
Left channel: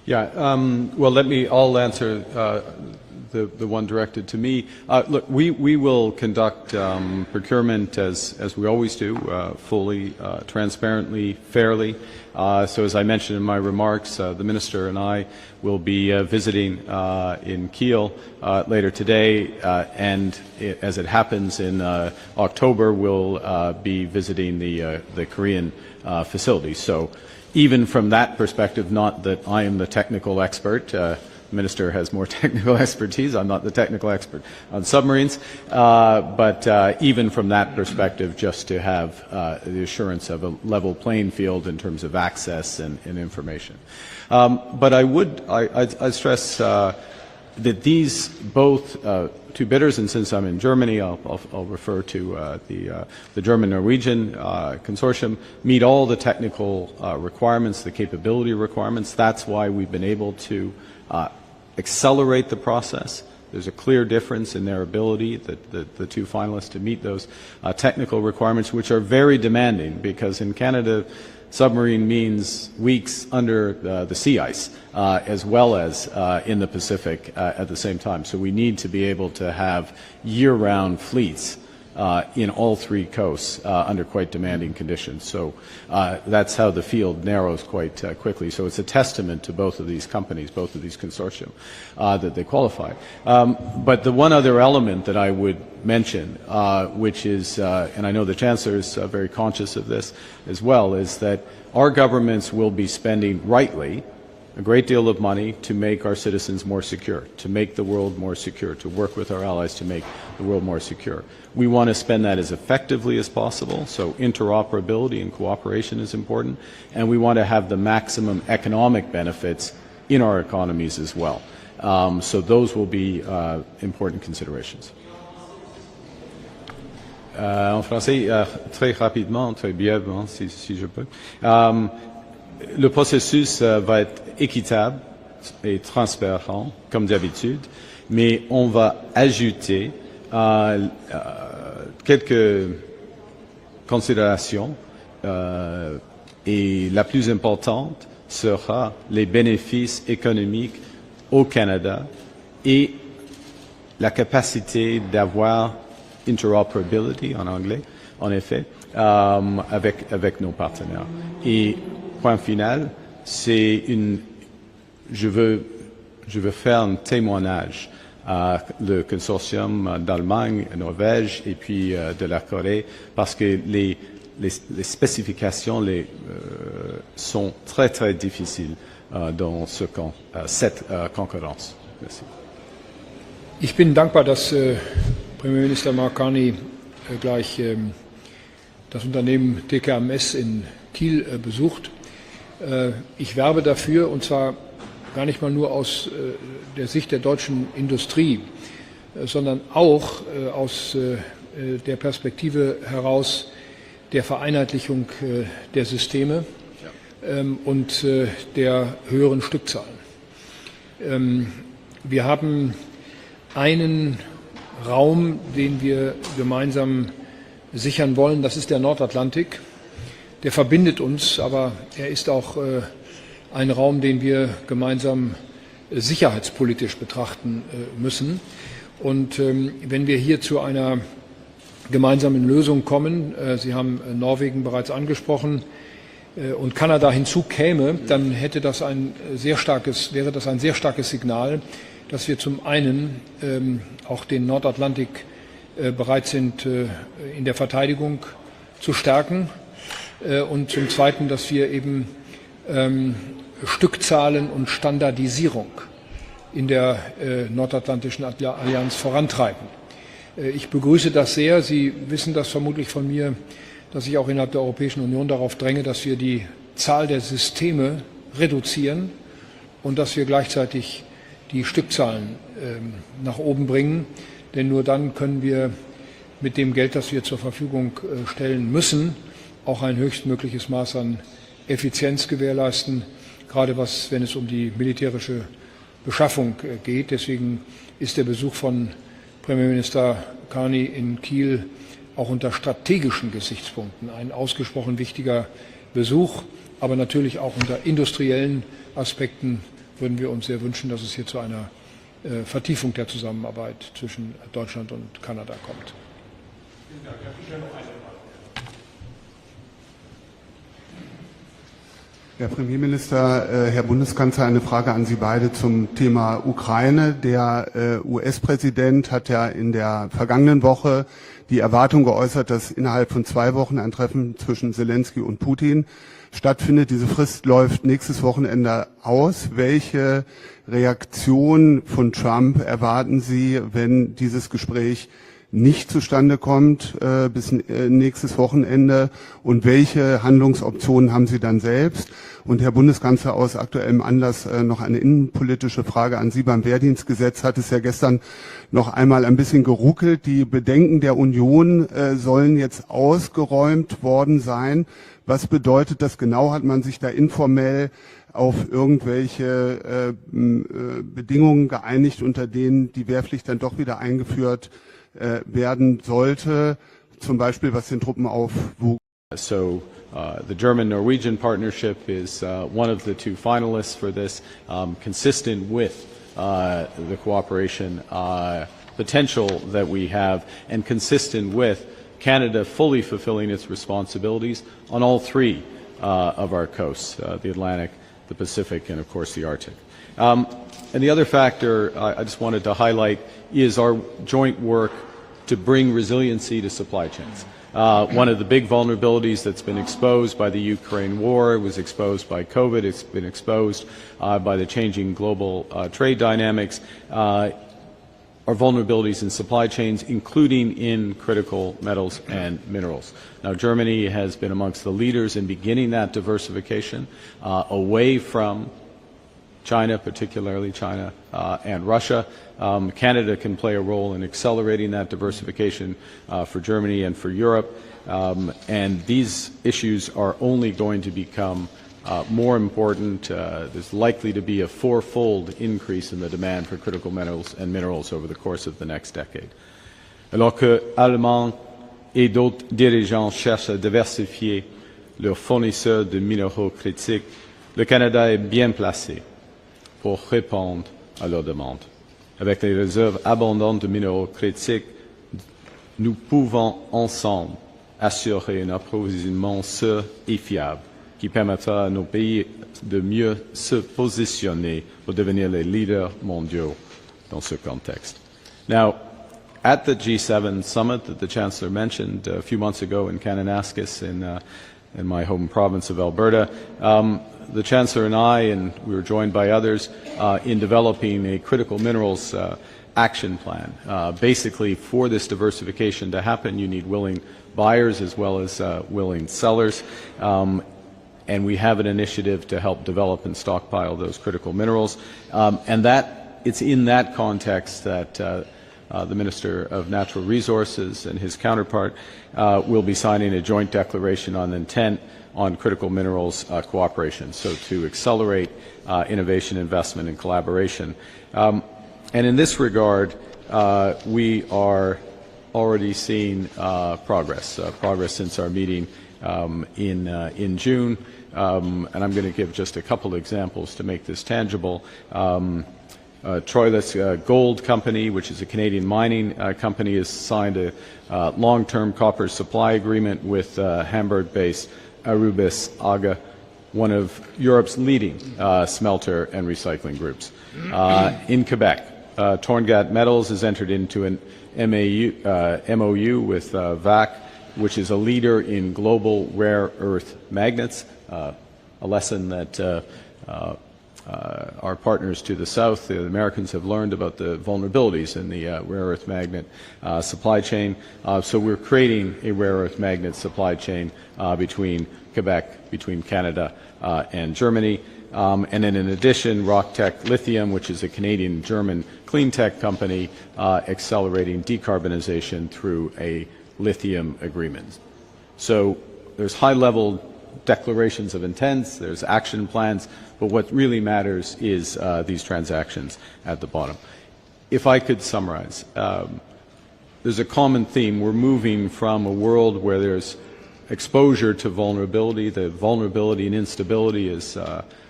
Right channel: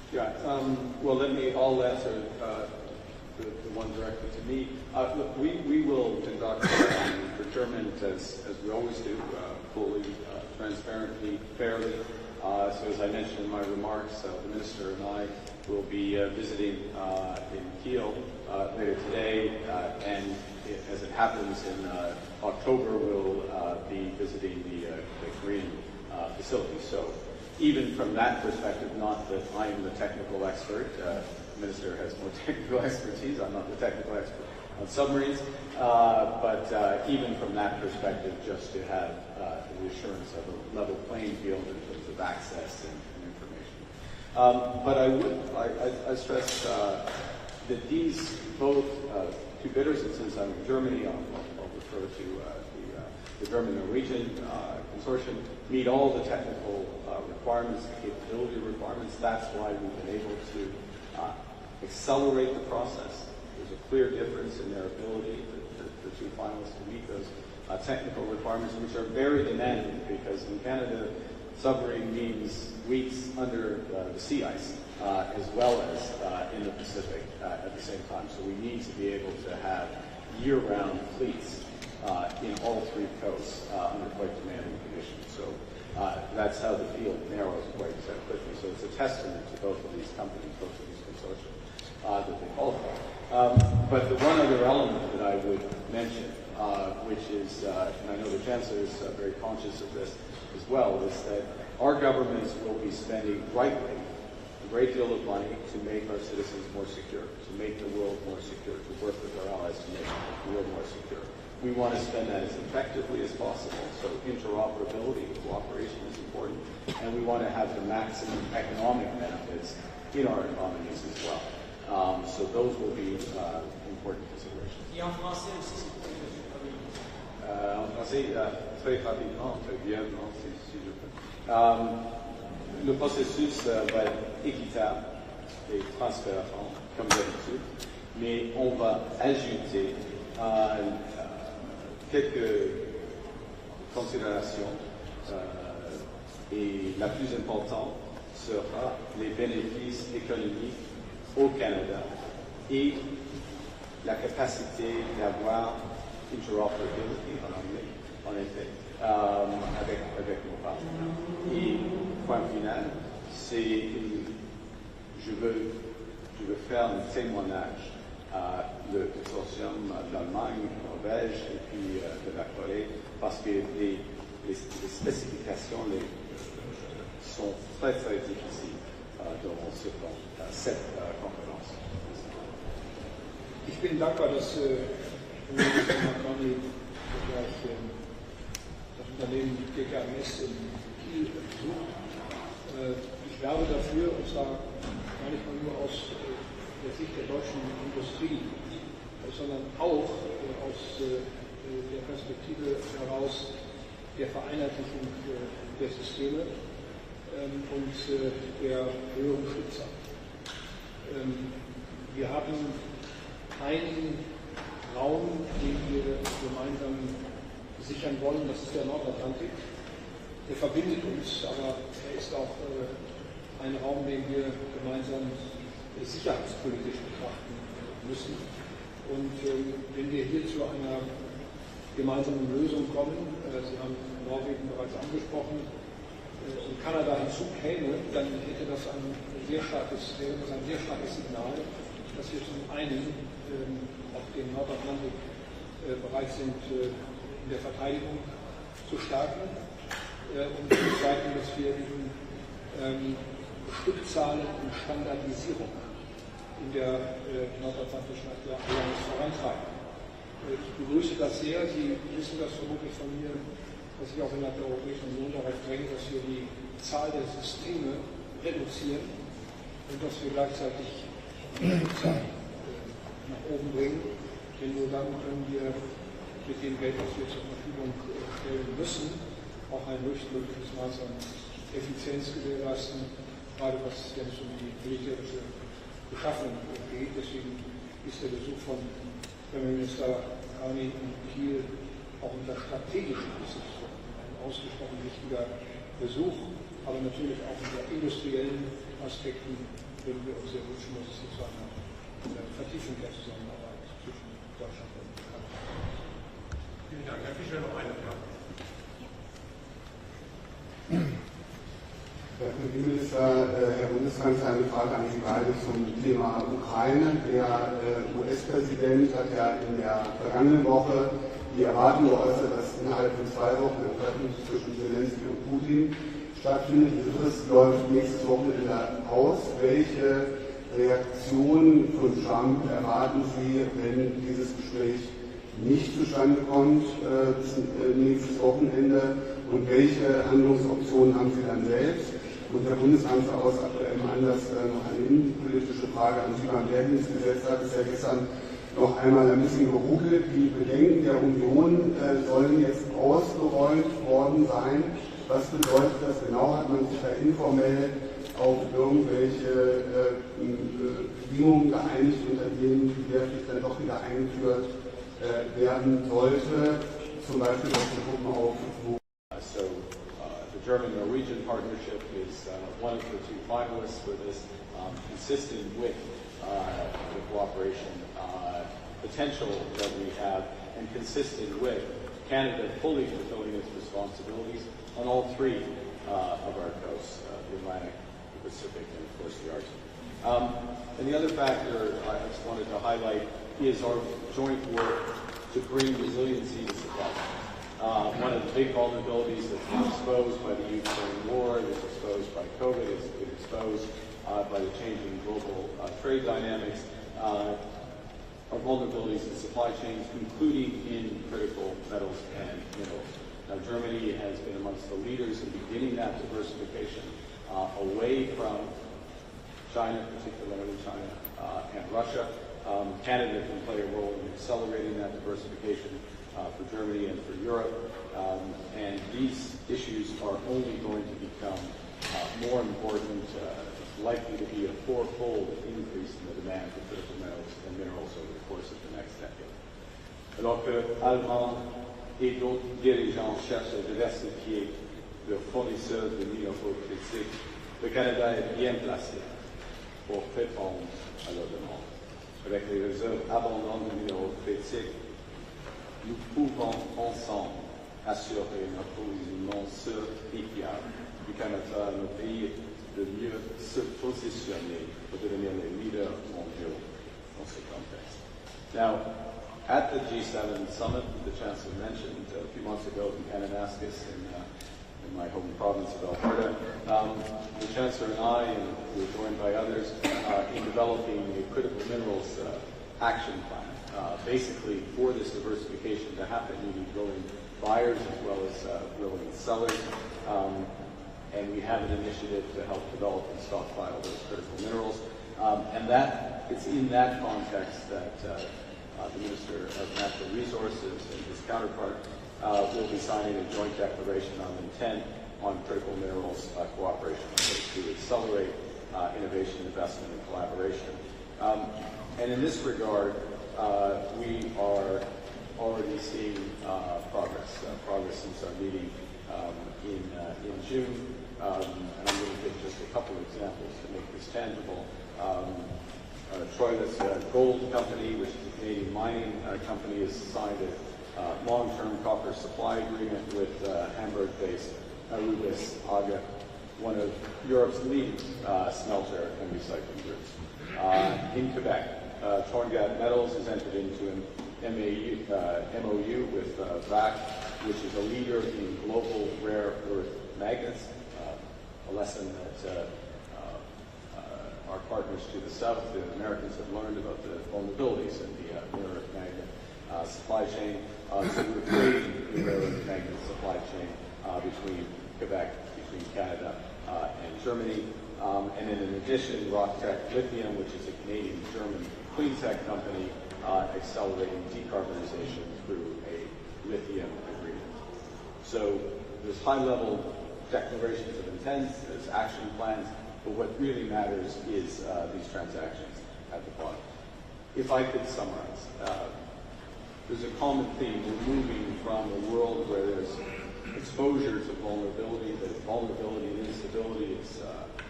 Yeah, well, I'll answer the one directed to me. Look, we will conduct procurement as we always do, fully, transparently, fairly. So as I mentioned in my remarks, the Minister and I will be visiting in Kiel later today, and as it happens in October, we'll be visiting the Korean facility. So even from that perspective, not that I am the technical expert, the Minister has more technical expertise, I'm not the technical expert on submarines, but even from that perspective, just to have the assurance of a level playing field in terms of access and information. But I stress that these both two bidders, and since I'm in Germany, I'll refer to the German-Norwegian consortium, meet all the technical requirements, the capability requirements. That's why we've been able to accelerate the process. There's a clear difference in their ability, the two finalists, to meet those technical requirements, which are very demanding, because in Canada, submarine means weeks under the sea ice, as well as in the Pacific at the same time. So we need to be able to have year-round fleets in all three coasts under quite demanding conditions. So that's how the field narrows quite quickly. So it's a testament to both of these companies, both of these consortium, that they qualify. But the one other element that I would mention, which is, and I know the Chancellor is very conscious of this as well, is that our governments will be spending rightly a great deal of money to make our citizens more secure, to make the world more secure, to work with our allies to make the world more secure. We want to spend that as effectively as possible, so interoperability and cooperation is important, and we want to have the maximum economic benefits in our economies as well. So those will be important considerations. En français, très rapidement, très brièvement, si je peux. Le processus va être équitable et transparent, comme d'habitude, mais on va ajouter quelques considérations et la plus importante sera les bénéfices économiques au Canada et la capacité d'avoir interoperability en anglais, en effet, avec nos partenaires. Et point final, c'est je veux faire un témoignage à le consortium d'Allemagne, Norvège et puis de la Corée, parce que les spécifications sont très très difficiles dans cette concurrence. Merci. Ich bin dankbar, dass Premierminister Carney gleich das Unternehmen TKMS in Kiel besucht. Ich werbe dafür, und zwar gar nicht mal nur aus der Sicht der deutschen Industrie, sondern auch aus der Perspektive heraus der Vereinheitlichung der Systeme und der höheren Stückzahlen. Wir haben einen Raum, den wir gemeinsam sichern wollen, das ist der Nordatlantik. Der verbindet uns, aber er ist auch ein Raum, den wir gemeinsam sicherheitspolitisch betrachten müssen. Und wenn wir hier zu einer gemeinsamen Lösung kommen, Sie haben Norwegen bereits angesprochen, und Kanada hinzukäme, dann wäre das ein sehr starkes Signal, dass wir zum einen auch den Nordatlantik bereit sind, in der Verteidigung zu stärken, und zum Zweiten, dass wir eben Stückzahlen und Standardisierung in der Nordatlantischen Allianz vorantreiben. Ich begrüße das sehr. Sie wissen das vermutlich von mir, dass ich auch innerhalb der Europäischen Union darauf dränge, dass wir die Zahl der Systeme reduzieren und dass wir gleichzeitig die Stückzahlen nach oben bringen. Denn nur dann können wir mit dem Geld, das wir zur Verfügung stellen müssen, auch ein höchstmögliches Maß an Effizienz gewährleisten, gerade wenn es um die militärische Beschaffung geht. Deswegen ist der Besuch von Premierminister Carney in Kiel auch unter strategischen Gesichtspunkten ein ausgesprochen wichtiger Besuch, aber natürlich auch unter industriellen Aspekten würden wir uns sehr wünschen, dass es hier zu einer Vertiefung der Zusammenarbeit zwischen Deutschland und Kanada kommt. Vielen Dank. Herr Fischer, noch eine Frage. Herr Premierminister, Herr Bundeskanzler, eine Frage an Sie beide zum Thema Ukraine. Der US-Präsident hat ja in der vergangenen Woche die Erwartung geäußert, dass innerhalb von 2 Wochen ein Treffen zwischen Zelensky und Putin stattfindet. Diese Frist läuft nächstes Wochenende aus. Welche Reaktion von Trump erwarten Sie, wenn dieses Gespräch nicht zustande kommt bis nächstes Wochenende? Und welche Handlungsoptionen haben Sie dann selbst? Und Herr Bundeskanzler, aus aktuellem Anlass noch eine innenpolitische Frage an Sie. Beim Wehrdienstgesetz hat es ja gestern noch einmal ein bisschen geruckelt. Die Bedenken der Union sollen jetzt ausgeräumt worden sein. Was bedeutet das genau? Hat man sich da informell auf irgendwelche Bedingungen geeinigt, unter denen die Wehrpflicht dann doch wieder eingeführt werden sollte, zum Beispiel was den Truppenaufwuchs? So the German-Norwegian partnership is one of the 2 finalists for this, consistent with the cooperation potential that we have, and consistent with Canada fully fulfilling its responsibilities on all 3 of our coasts, the Atlantic, the Pacific, and of course the Arctic. And the other factor I just wanted to highlight is our joint work to bring resiliency to supply chains. One of the big vulnerabilities that's been exposed by the Ukraine war, it was exposed by COVID, it's been exposed by the changing global trade dynamics, are vulnerabilities in supply chains, including in critical metals and minerals. Now, Germany has been amongst the leaders in beginning that diversification away from China, particularly China and Russia. Canada can play a role in accelerating that diversification for Germany and for Europe. And these issues are only going to become more important. There's likely to be a 4-fold increase in the demand for critical metals and minerals over the course of the next decade. Alors que Allemands et d'autres dirigeants cherchent à diversifier leurs fournisseurs de minéraux critiques, le Canada est bien placé pour répondre à leurs demandes. Avec les réserves abondantes de minéraux critiques, nous pouvons ensemble assurer un approvisionnement sûr et fiable qui permettra à nos pays de mieux se positionner pour devenir les leaders mondiaux dans ce contexte. Now, at the G7 summit that the Chancellor mentioned a few months ago in Kananaskis in my home province of Alberta, the Chancellor and I, and we were joined by others, in developing a critical minerals action plan. Basically, for this diversification to happen, you need willing buyers as well as willing sellers. And we have an initiative to help develop and stockpile those critical minerals. And it's in that context that the Minister of Natural Resources and his counterpart will be signing a joint declaration on intent on critical minerals cooperation, so to accelerate innovation, investment, and collaboration. And in this regard, we are already seeing progress since our meeting in June. And I'm going to give just a couple examples to make this tangible. Troilus Gold Company, which is a Canadian mining company, has signed a long-term copper supply agreement with Hamburg-based Arubis AGA, one of Europe's leading smelter and recycling groups. In Quebec, Torngat Metals has entered into an MOU with VAC, which is a leader in global rare earth magnets, a lesson that our partners to the south, the Americans, have learned about the vulnerabilities in the rare earth magnet supply chain. So we're creating a rare earth magnet supply chain between Quebec, between Canada and Germany. And then in addition, RockTech Lithium, which is a Canadian-German clean tech company, accelerating decarbonization through a lithium agreement. So there's high-level declarations of intents, there's action plans, but what really matters is these transactions at the bottom. If I could summarize, there's a common theme. We're moving from a world where there's exposure to vulnerability. The vulnerability and instability is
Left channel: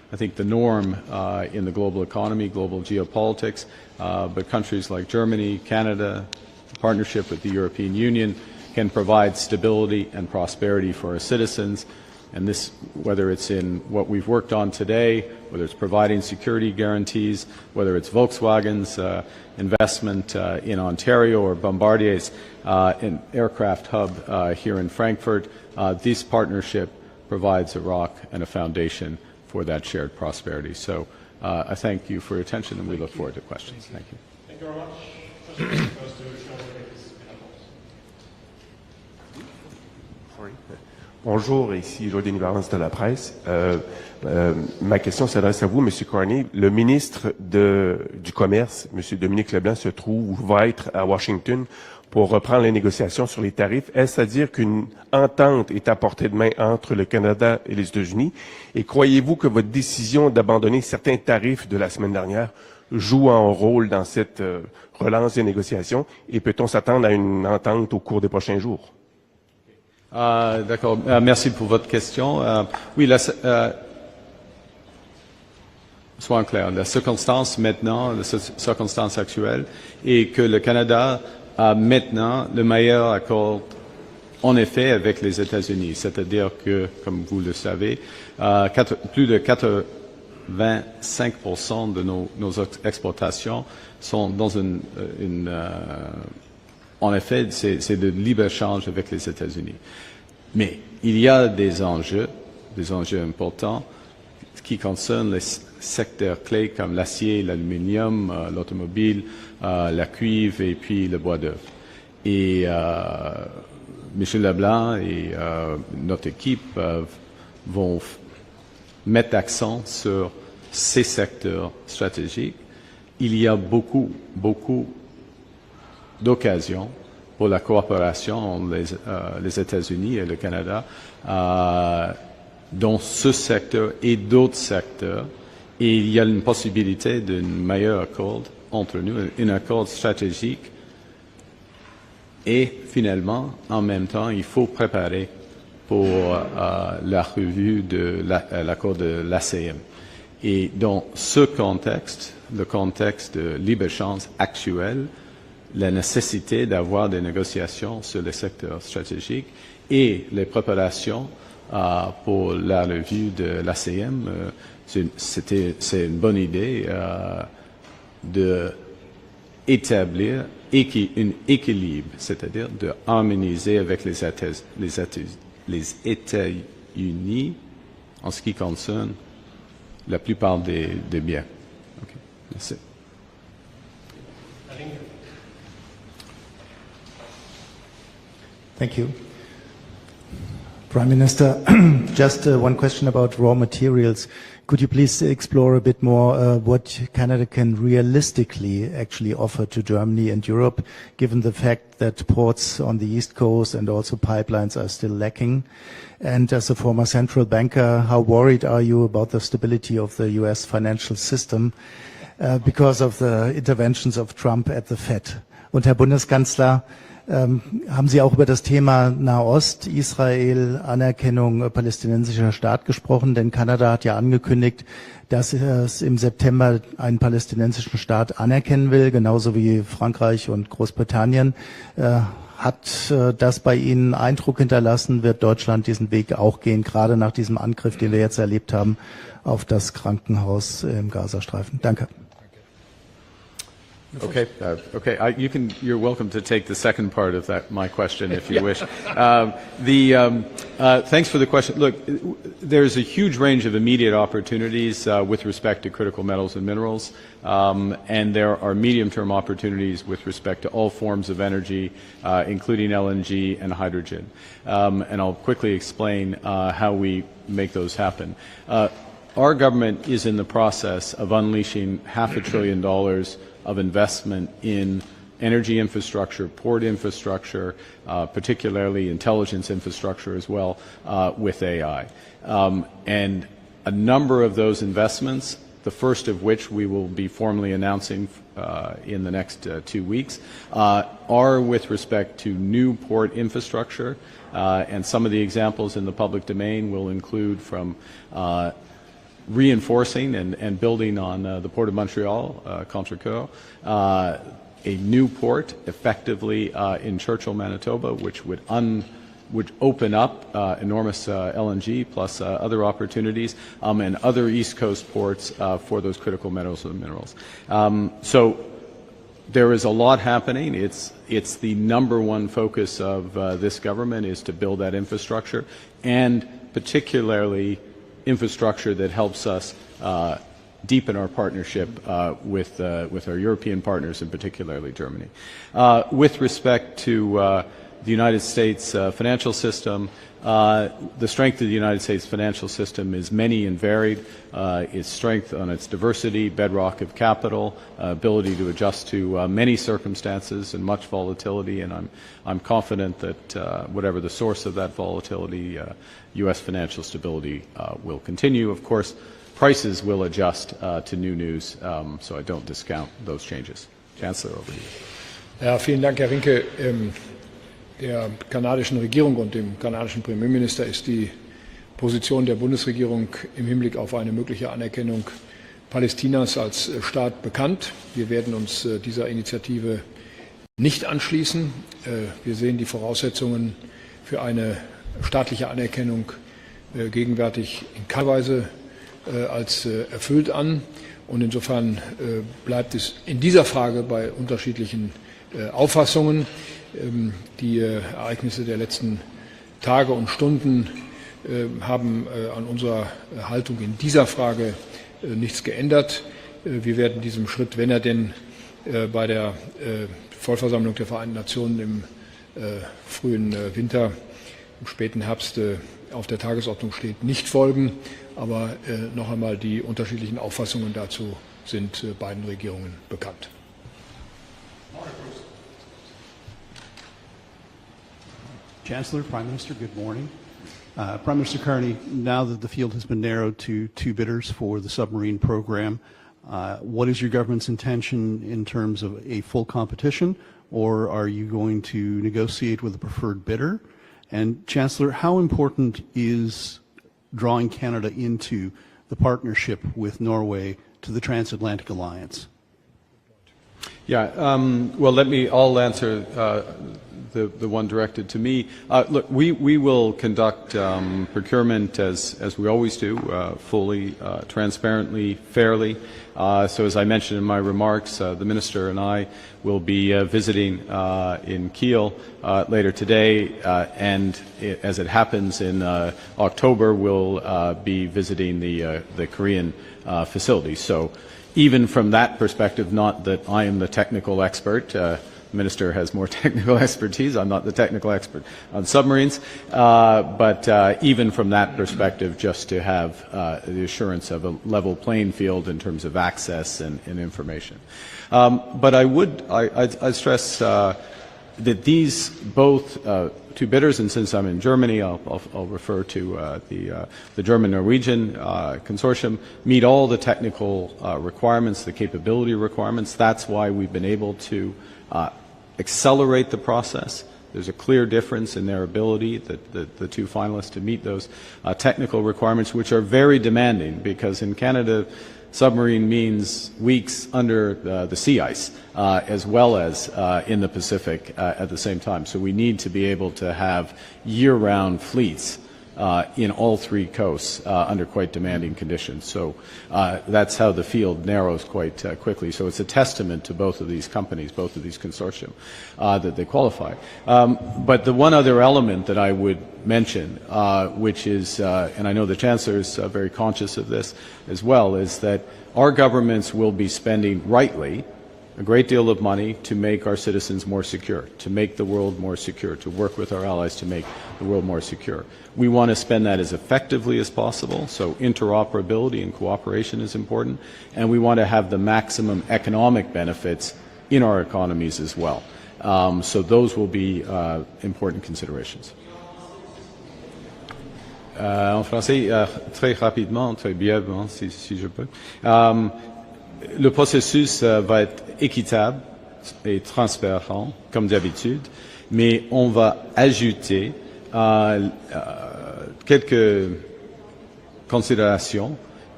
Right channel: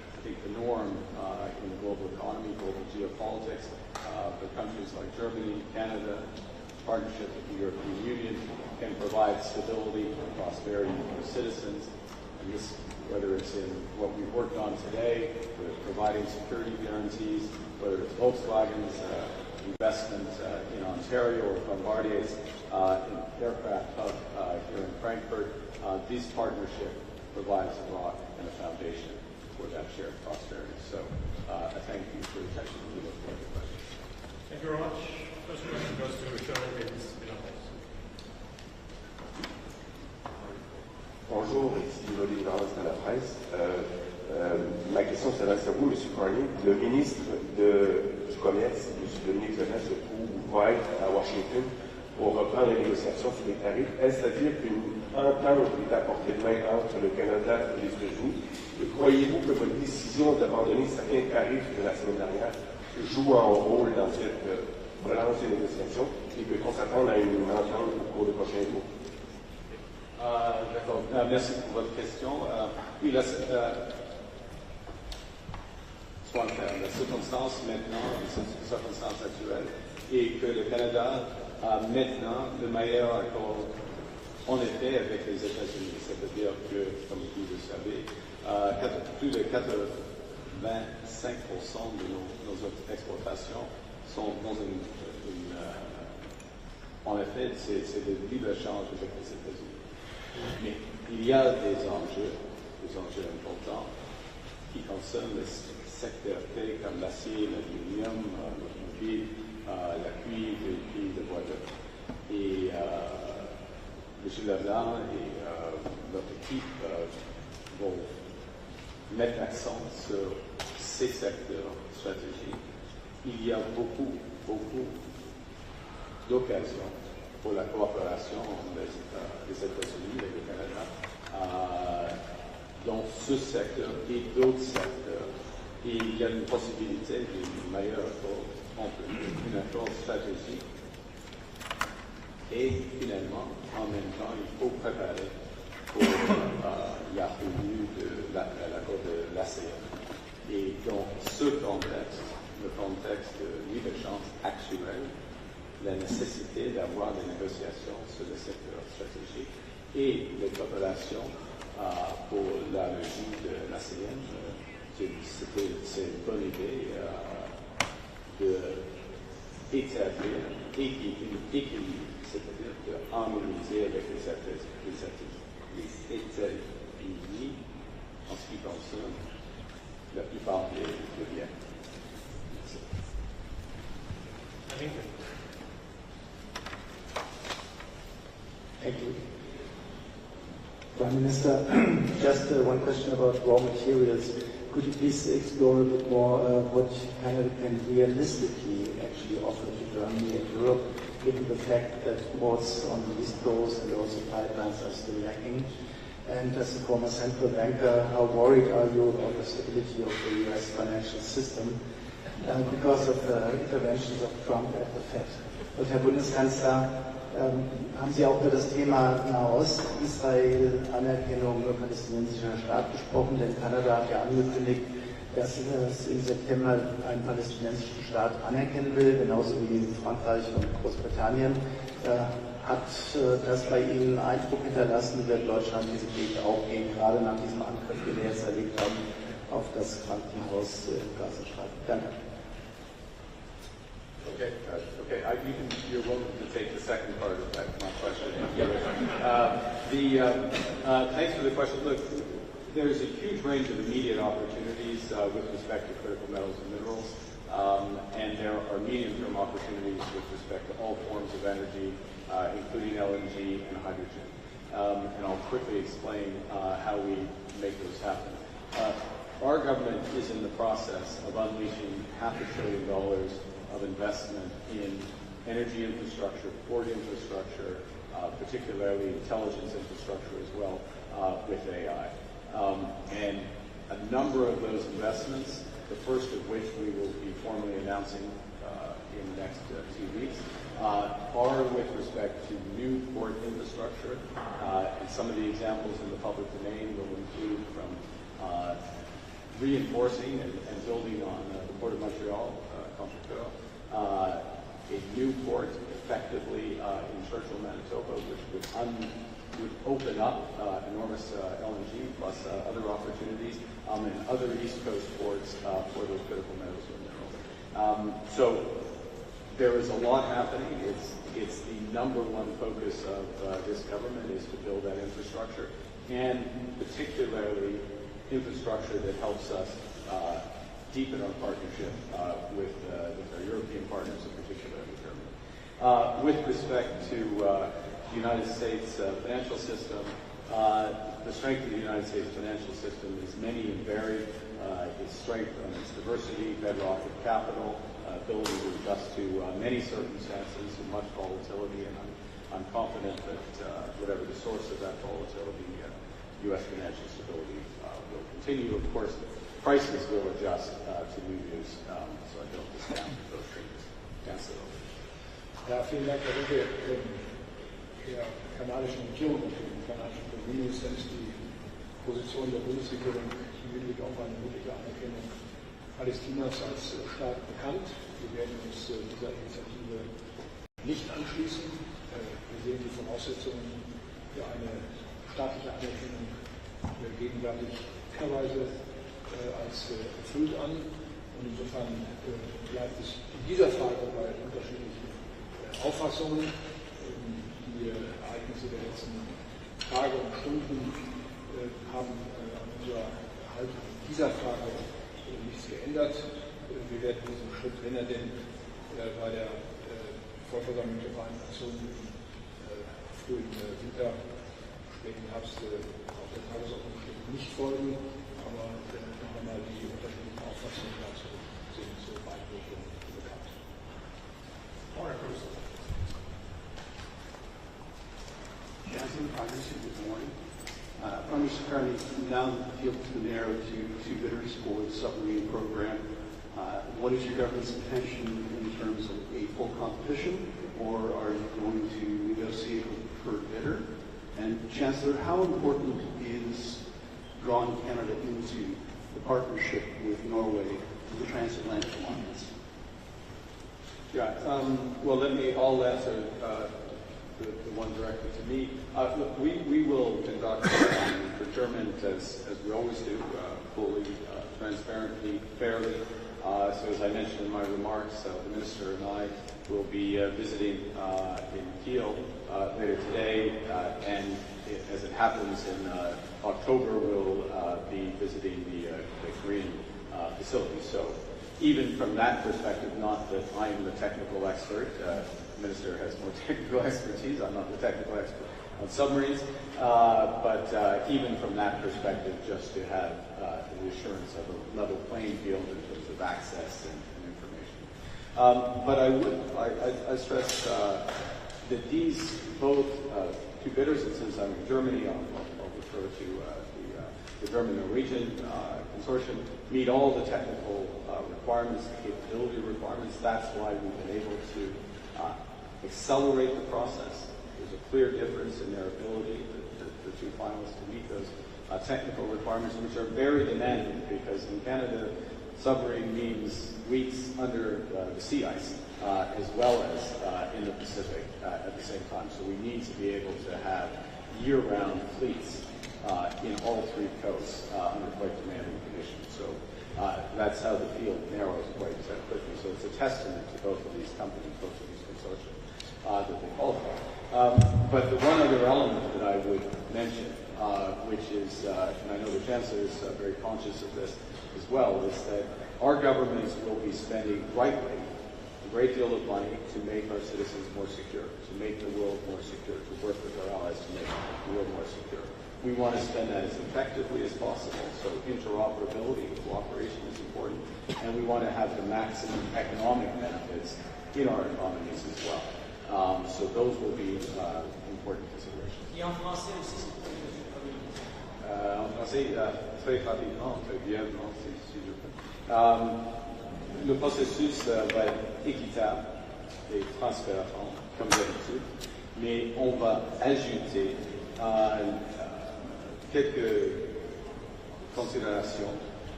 I think, the norm in the global economy, global geopolitics, but countries like Germany, Canada, partnership with the European Union, can provide stability and prosperity for our citizens. And this, whether it's in what we've worked on today, whether it's providing security guarantees, whether it's Volkswagen's investment in Ontario or Bombardier's an aircraft hub here in Frankfurt, this partnership provides a rock and a foundation for that shared prosperity. So I thank you for your attention, and we look forward to questions. Thank you. Thank you very much. Bonjour, ici Lord des Gouvernements de la presse. Ma question s'adresse à vous, M. Carney. Le ministre du Commerce, M. Dominique Leblanc, se trouve ou va être à Washington pour reprendre les négociations sur les tarifs. Est-ce à dire qu'une entente est à portée de main entre le Canada et les États-Unis? Et croyez-vous que votre décision d'abandonner certains tarifs de la semaine dernière joue un rôle dans cette relance des négociations? Et peut-on s'attendre à une entente au cours des prochains jours? D'accord. Merci pour votre question. Oui, soyons clairs. La circonstance maintenant, la circonstance actuelle, est que le Canada a maintenant le meilleur accord, en effet, avec les États-Unis. C'est-à-dire que, comme vous le savez, plus de 85% de nos exportations sont dans en effet, c'est de libre-échange avec les États-Unis. Mais il y a des enjeux importants qui concernent les secteurs clés comme l'acier, l'aluminium, l'automobile, la cuivre et puis le bois d'œuvre. Et M. Leblanc et notre équipe vont mettre l'accent sur ces secteurs stratégiques. Il y a beaucoup d'occasions pour la coopération entre les États-Unis et le Canada dans ce secteur et d'autres secteurs. Et il y a une possibilité d'un meilleur accord entre nous, un accord stratégique. Et finalement, en même temps, il faut préparer pour la revue de l'accord de l'ACM. Et dans ce contexte, le contexte de libre-échange actuel, la nécessité d'avoir des négociations sur les secteurs stratégiques et les préparations pour la revue de l'ACM, c'est une bonne idée d'établir un équilibre, c'est-à-dire de harmoniser avec les États-Unis en ce qui concerne la plupart des biens. Okay. Merci. Thank you. Prime Minister, just one question about raw materials. Could you please explore a bit more what Canada can realistically actually offer to Germany and Europe, given the fact that ports on the East Coast and also pipelines are still lacking? And as a former central banker, how worried are you about the stability of the US financial system because of the interventions of Trump at the Fed? Und Herr Bundeskanzler, haben Sie auch über das Thema Nahost, Israel, Anerkennung palästinensischer Staat gesprochen? Denn Kanada hat ja angekündigt, dass es im September einen palästinensischen Staat anerkennen will, genauso wie Frankreich und Großbritannien. Hat das bei Ihnen Eindruck hinterlassen? Wird Deutschland diesen Weg auch gehen, gerade nach diesem Angriff, den wir jetzt erlebt haben, auf das Krankenhaus im Gazastreifen? Danke. Okay. You're welcome to take the second part of my question if you wish. Thanks for the question. Look, there's a huge range of immediate opportunities with respect to critical metals and minerals, and there are medium-term opportunities with respect to all forms of energy, including LNG and hydrogen. And I'll quickly explain how we make those happen. Our government is in the process of unleashing $500 billion of investment in energy infrastructure, port infrastructure, particularly intelligence infrastructure as well, with AI. And a number of those investments, the first of which we will be formally announcing in the next 2 weeks, are with respect to new port infrastructure. And some of the examples in the public domain will include from reinforcing and building on the Port of Montreal, Contrecoeur, a new port effectively in Churchill, Manitoba, which would open up enormous LNG plus other opportunities and other East Coast ports for those critical metals and minerals. So there is a lot happening. It's the number one focus of this government is to build that infrastructure, and particularly infrastructure that helps us deepen our partnership with our European partners, and particularly Germany. With respect to the United States financial system, the strength of the United States financial system is many and varied. Its strength on its diversity, bedrock of capital, ability to adjust to many circumstances and much volatility, and I'm confident that whatever the source of that volatility, U.S. financial stability will continue. Of course, prices will adjust to new news, so I don't discount those changes. Chancellor, over to you. Ja, vielen Dank, Herr Rinke. Der kanadischen Regierung und dem kanadischen Premierminister ist die Position der Bundesregierung im Hinblick auf eine mögliche Anerkennung Palästinas als Staat bekannt. Wir werden uns dieser Initiative nicht anschließen. Wir sehen die Voraussetzungen für eine staatliche Anerkennung gegenwärtig in keiner Weise als erfüllt an. Und insofern bleibt es in dieser Frage bei unterschiedlichen Auffassungen. Die Ereignisse der letzten Tage und Stunden haben an unserer Haltung in dieser Frage nichts geändert. Wir werden diesem Schritt, wenn er denn bei der Vollversammlung der Vereinten Nationen im frühen Winter, im späten Herbst auf der Tagesordnung steht, nicht folgen. Aber noch einmal, die unterschiedlichen Auffassungen dazu sind beiden Regierungen bekannt. Chancellor, Prime Minister, good morning. Prime Minister Carney, now that the field has been narrowed to 2 bidders for the submarine program, what is your government's intention in terms of a full competition, or are you going to negotiate with a preferred bidder? And Chancellor, how important is drawing Canada into the partnership with Norway to the transatlantic alliance? Yeah, well, I'll answer the one directed to me. Look, we will conduct procurement as we always do, fully, transparently, fairly. So as I mentioned in my remarks, the Minister and I will be visiting in Kiel later today, and as it happens in October, we'll be visiting the Korean facility. So even from that perspective, not that I am the technical expert, the Minister has more technical expertise, I'm not the technical expert on submarines, but even from that perspective, just to have the assurance of a level playing field in terms of access and information. But I'd stress that these both 2 bidders, and since I'm in Germany, I'll refer to the German-Norwegian consortium, meet all the technical requirements, the capability requirements. That's why we've been able to accelerate the process. There's a clear difference in their ability, the 2 finalists, to meet those technical requirements, which are very demanding, because in Canada, submarine means weeks under the sea ice, as well as in the Pacific at the same time. So we need to be able to have year-round fleets in all 3 coasts under quite demanding conditions. So that's how the field narrows quite quickly. So it's a testament to both of these companies, both of these consortium, that they qualify. But the one other element that I would mention, which is, and I know the Chancellor is very conscious of this as well, is that our governments will be spending, rightly, a great deal of money to make our citizens more secure, to make the world more secure, to work with our allies to make the world more secure. We want to spend that as effectively as possible, so interoperability and cooperation is important, and we want to have the maximum economic benefits in our economies as well. So those will be important considerations. En français, très rapidement, très brièvement, si je peux. Le processus va être équitable et transparent, comme d'habitude, mais on va ajouter quelques considérations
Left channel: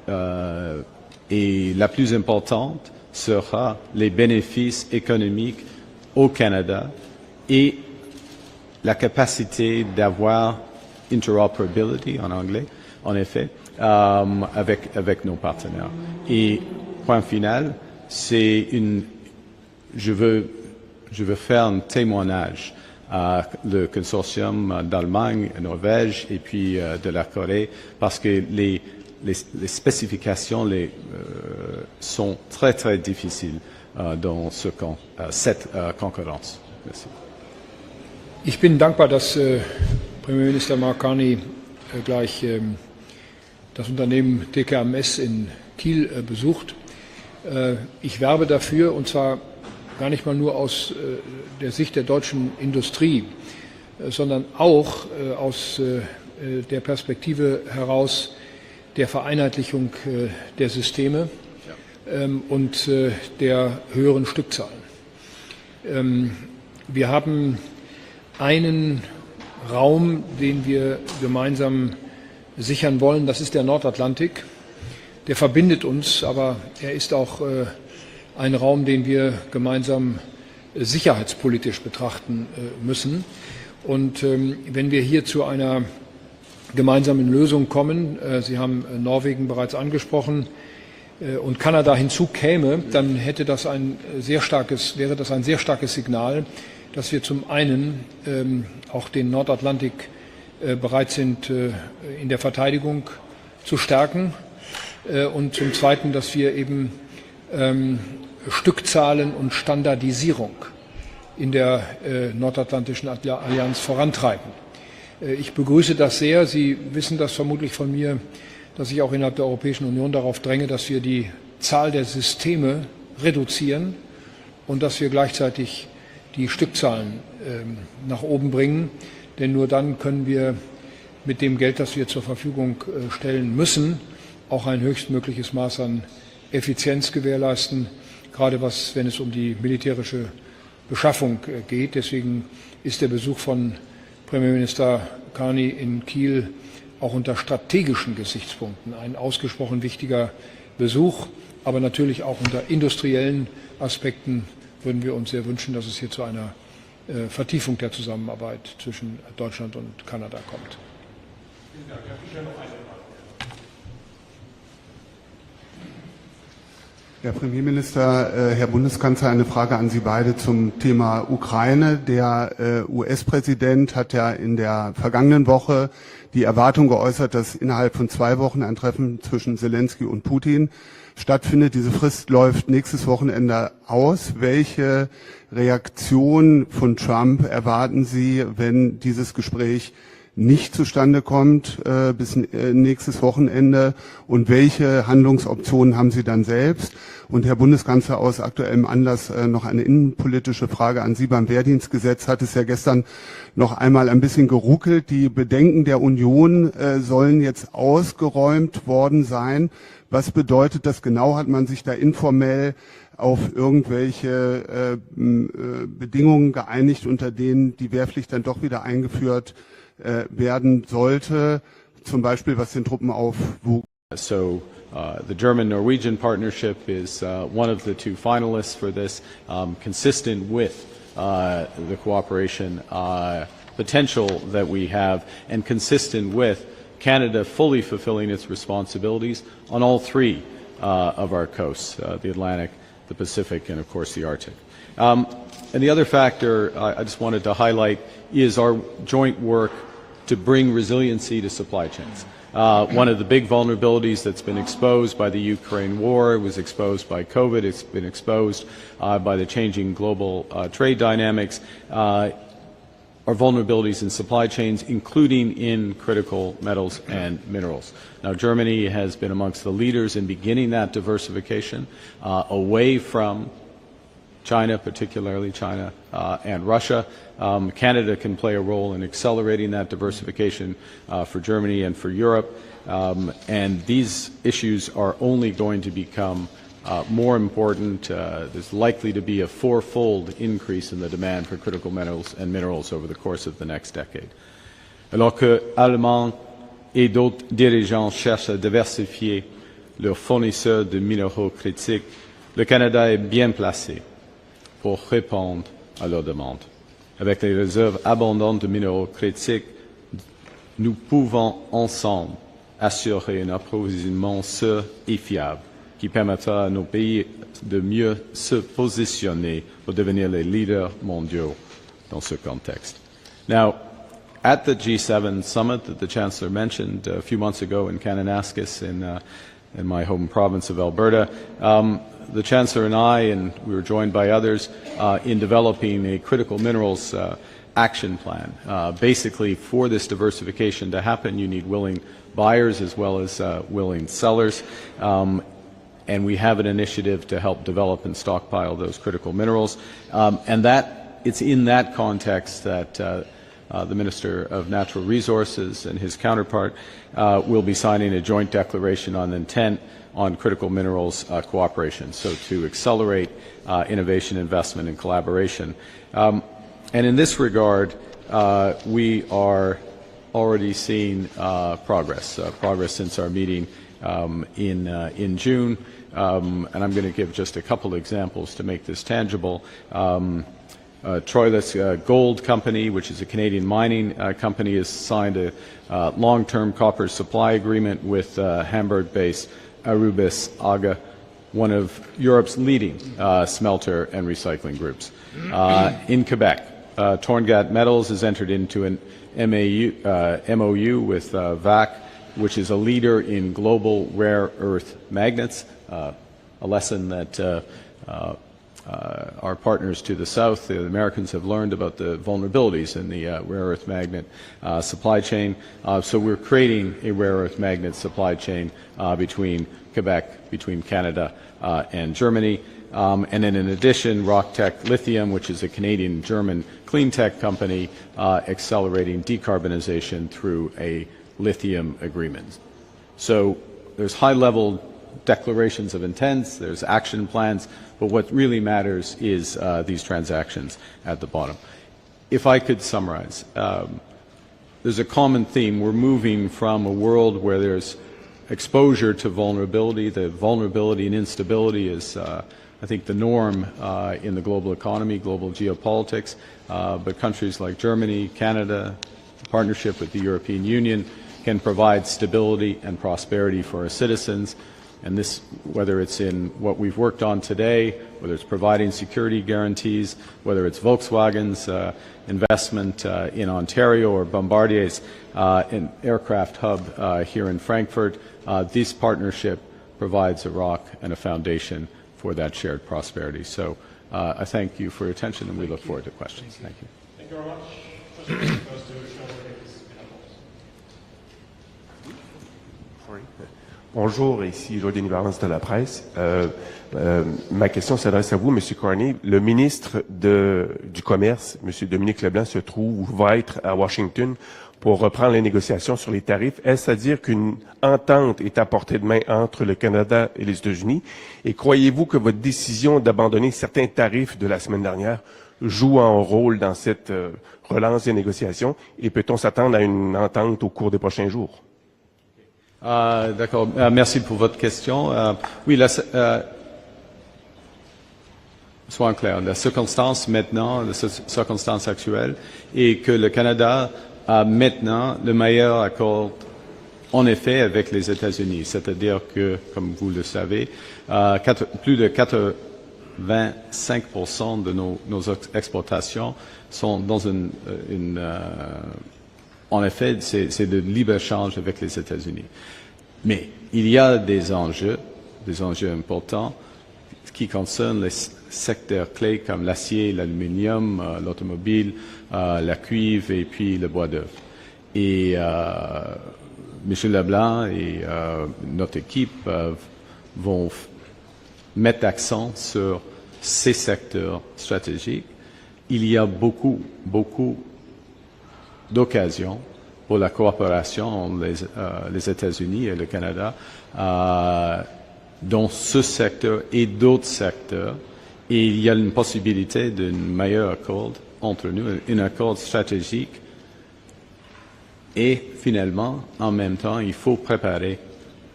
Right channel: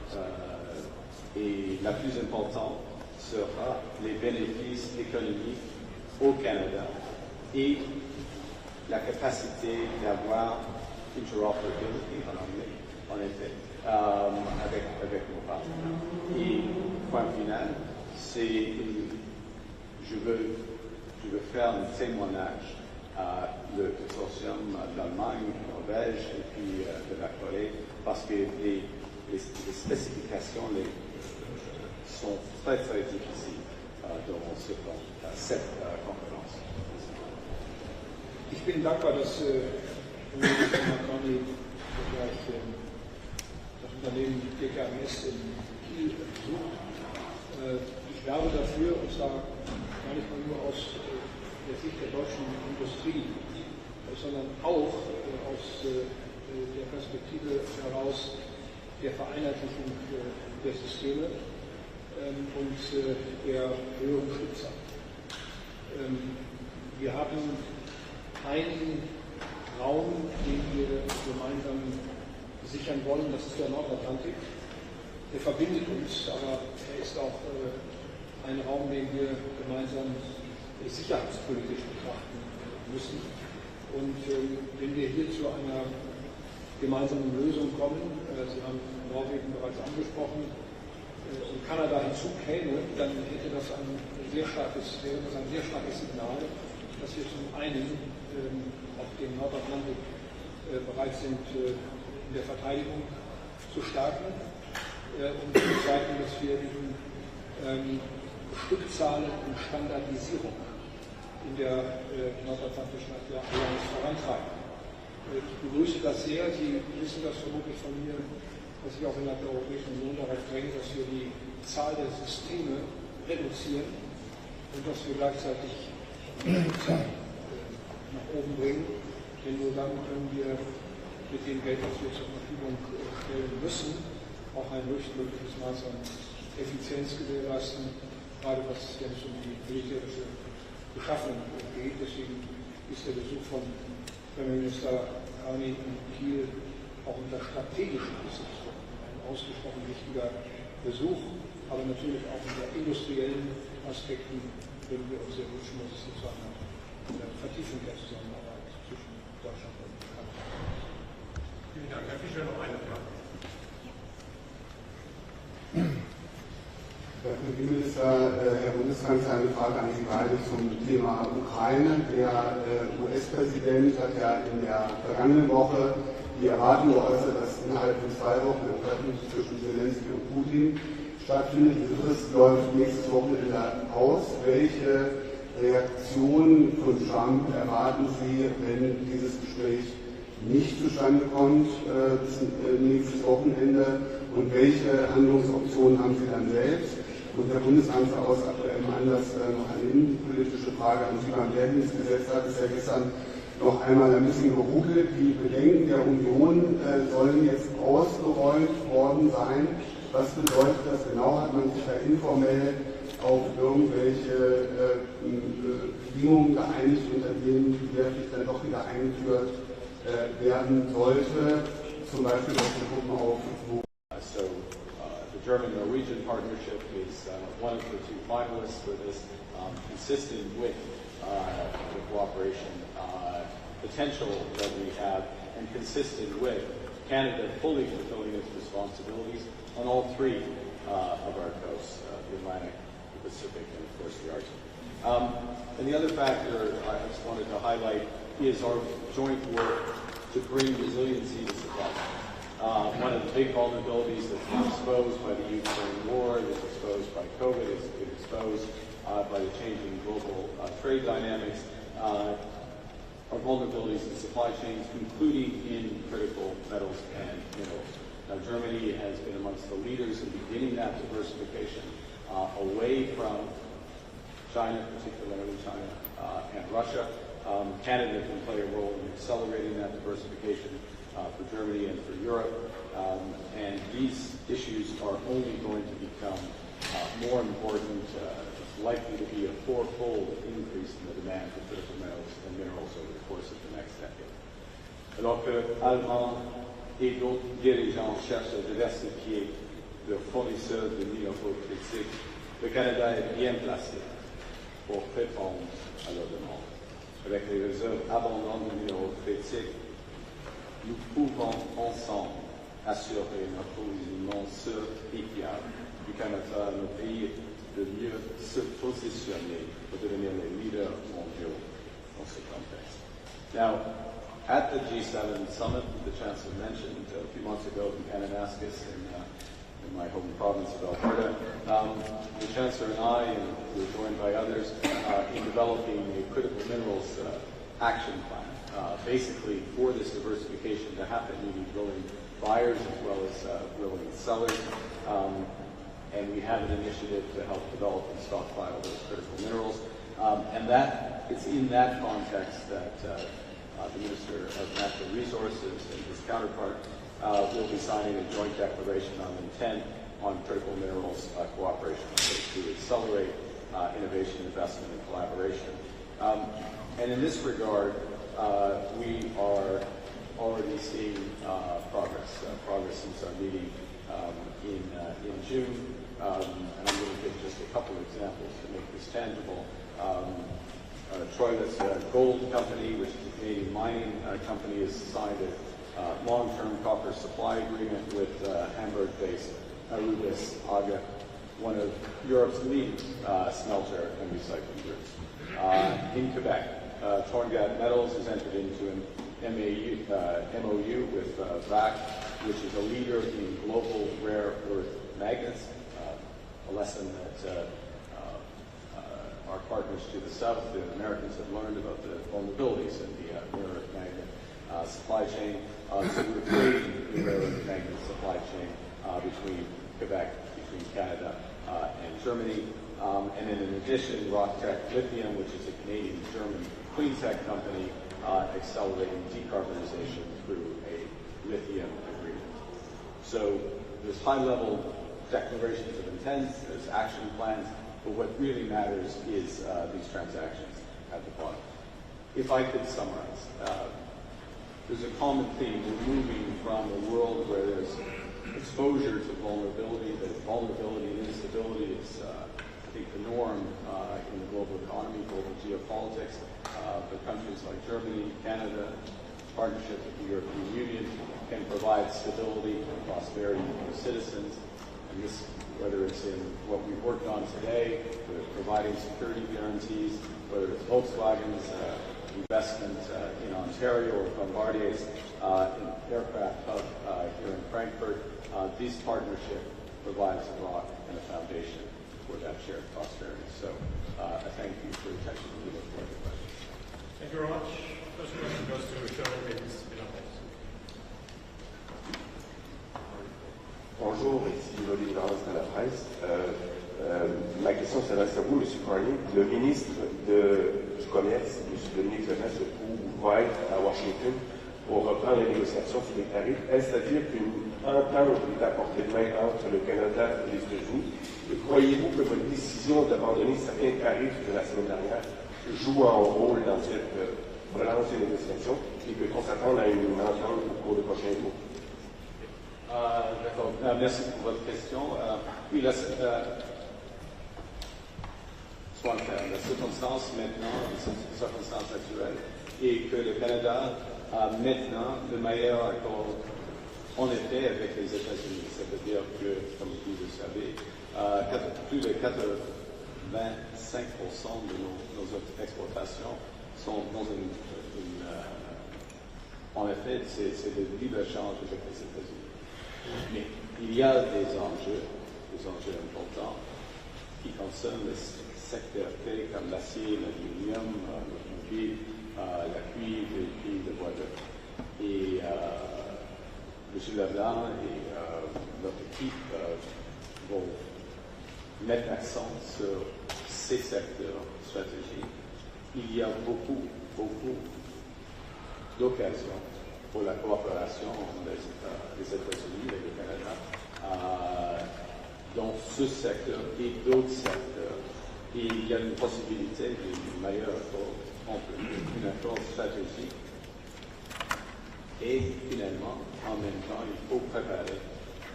et la plus importante sera les bénéfices économiques au Canada et la capacité d'avoir interoperability en anglais, en effet, avec nos partenaires. Et point final, je veux faire un témoignage à le consortium d'Allemagne, Norvège et puis de la Corée, parce que les spécifications sont très très difficiles dans cette concurrence. Merci. Ich bin dankbar, dass Premierminister Carney gleich das Unternehmen TKMS in Kiel besucht. Ich werbe dafür, und zwar gar nicht mal nur aus der Sicht der deutschen Industrie, sondern auch aus der Perspektive heraus der Vereinheitlichung der Systeme und der höheren Stückzahlen. Wir haben einen Raum, den wir gemeinsam sichern wollen, das ist der Nordatlantik. Der verbindet uns, aber er ist auch ein Raum, den wir gemeinsam sicherheitspolitisch betrachten müssen. Und wenn wir hier zu einer gemeinsamen Lösung kommen, Sie haben Norwegen bereits angesprochen, und Kanada hinzukäme, dann wäre das ein sehr starkes Signal, dass wir zum einen auch den Nordatlantik bereit sind, in der Verteidigung zu stärken und zum Zweiten, dass wir eben Stückzahlen und Standardisierung in der Nordatlantischen Allianz vorantreiben. Ich begrüße das sehr. Sie wissen das vermutlich von mir, dass ich auch innerhalb der Europäischen Union darauf dränge, dass wir die Zahl der Systeme reduzieren und dass wir gleichzeitig die Stückzahlen nach oben bringen. Denn nur dann können wir mit dem Geld, das wir zur Verfügung stellen müssen, auch ein höchstmögliches Maß an Effizienz gewährleisten, gerade wenn es um die militärische Beschaffung geht. Deswegen ist der Besuch von Premierminister Carney in Kiel auch unter strategischen Gesichtspunkten ein ausgesprochen wichtiger Besuch, aber natürlich auch unter industriellen Aspekten würden wir uns sehr wünschen, dass es hier zu einer Vertiefung der Zusammenarbeit zwischen Deutschland und Kanada kommt. Vielen Dank. Herr Fischer, noch eine Frage. Herr Premierminister, Herr Bundeskanzler, eine Frage an Sie beide zum Thema Ukraine. Der US-Präsident hat ja in der vergangenen Woche die Erwartung geäußert, dass innerhalb von 2 Wochen ein Treffen zwischen Zelensky und Putin stattfindet. Diese Frist läuft nächstes Wochenende aus. Welche Reaktion von Trump erwarten Sie, wenn dieses Gespräch nicht zustande kommt bis nächstes Wochenende? Und welche Handlungsoptionen haben Sie dann selbst? Und Herr Bundeskanzler, aus aktuellem Anlass noch eine innenpolitische Frage an Sie. Beim Wehrdienstgesetz hat es ja gestern noch einmal ein bisschen geruckelt. Die Bedenken der Union sollen jetzt ausgeräumt worden sein. Was bedeutet das genau? Hat man sich da informell auf irgendwelche Bedingungen geeinigt, unter denen die Wehrpflicht dann doch wieder eingeführt werden sollte, zum Beispiel was den Truppenaufwuchs? So the German-Norwegian partnership is one of the 2 finalists for this, consistent with the cooperation potential that we have, and consistent with Canada fully fulfilling its responsibilities on all 3 of our coasts, the Atlantic, the Pacific, and of course the Arctic. And the other factor I just wanted to highlight is our joint work to bring resiliency to supply chains. One of the big vulnerabilities that's been exposed by the Ukraine war, it was exposed by COVID, it's been exposed by the changing global trade dynamics, are vulnerabilities in supply chains, including in critical metals and minerals. Now, Germany has been amongst the leaders in beginning that diversification away from China, particularly China and Russia. Canada can play a role in accelerating that diversification for Germany and for Europe. And these issues are only going to become more important. There's likely to be a 4-fold increase in the demand for critical metals and minerals over the course of the next decade. Alors que Allemands et d'autres dirigeants cherchent à diversifier leurs fournisseurs de minéraux critiques, le Canada est bien placé pour répondre à leurs demandes. Avec les réserves abondantes de minéraux critiques, nous pouvons ensemble assurer un approvisionnement sûr et fiable qui permettra à nos pays de mieux se positionner pour devenir les leaders mondiaux dans ce contexte. Now, at the G7 summit that the Chancellor mentioned a few months ago in Kananaskis in my home province of Alberta, the Chancellor and we were joined by others, in developing a critical minerals action plan. Basically, for this diversification to happen, you need willing buyers as well as willing sellers. And we have an initiative to help develop and stockpile those critical minerals. And it's in that context that the Minister of Natural Resources and his counterpart will be signing a joint declaration on intent on critical minerals cooperation, so to accelerate innovation, investment, and collaboration. And in this regard, we are already seeing progress since our meeting in June. And I'm going to give just a couple examples to make this tangible. Troilus Gold Company, which is a Canadian mining company, has signed a long-term copper supply agreement with Hamburg-based Arubis AGA, one of Europe's leading smelter and recycling groups. In Quebec, Torngat Metals has entered into an MOU with VAC, which is a leader in global rare earth magnets, a lesson that our partners to the south, the Americans, have learned about the vulnerabilities in the rare earth magnet supply chain. So we're creating a rare earth magnet supply chain between Quebec, between Canada and Germany. And then in addition, RockTech Lithium, which is a Canadian-German clean tech company, accelerating decarbonization through a lithium agreement. So there's high-level declarations of intents, there's action plans, but what really matters is these transactions at the bottom. If I could summarize, there's a common theme. We're moving from a world where there's exposure to vulnerability. The vulnerability and instability is, I think, the norm in the global economy, global geopolitics, but countries like Germany, Canada, partnership with the European Union, can provide stability and prosperity for our citizens. And this, whether it's in what we've worked on today, whether it's providing security guarantees, whether it's Volkswagen's investment in Ontario or Bombardier's an aircraft hub here in Frankfurt, this partnership provides a rock and a foundation for that shared prosperity. So I thank you for your attention, and we look forward to questions. Thank you. Thank you very much. Just goes to Chancellor. Bonjour, ici Lord des Valence de la presse. Ma question s'adresse à vous, M. Carney. Le ministre du Commerce, M. Dominique Leblanc, se trouve ou va être à Washington pour reprendre les négociations sur les tarifs. Est-ce à dire qu'une entente est à portée de main entre le Canada et les États-Unis? Et croyez-vous que votre décision d'abandonner certains tarifs de la semaine dernière joue un rôle dans cette relance des négociations? Et peut-on s'attendre à une entente au cours des prochains jours? D'accord. Merci pour votre question. Oui, soyons clairs. La circonstance maintenant, la circonstance actuelle, est que le Canada a maintenant le meilleur accord, en effet, avec les États-Unis. C'est-à-dire que, comme vous le savez, plus de 85% de nos exportations sont dans en effet, c'est de libre-échange avec les États-Unis. Mais il y a des enjeux importants qui concernent les secteurs clés comme l'acier, l'aluminium, l'automobile, la cuivre et puis le bois d'œuvre. Et M. Leblanc et notre équipe vont mettre l'accent sur ces secteurs stratégiques. Il y a beaucoup d'occasions pour la coopération entre les États-Unis et le Canada dans ce secteur et d'autres secteurs. Et il y a une possibilité d'un meilleur accord entre nous, un accord stratégique. Et finalement, en même temps, il faut préparer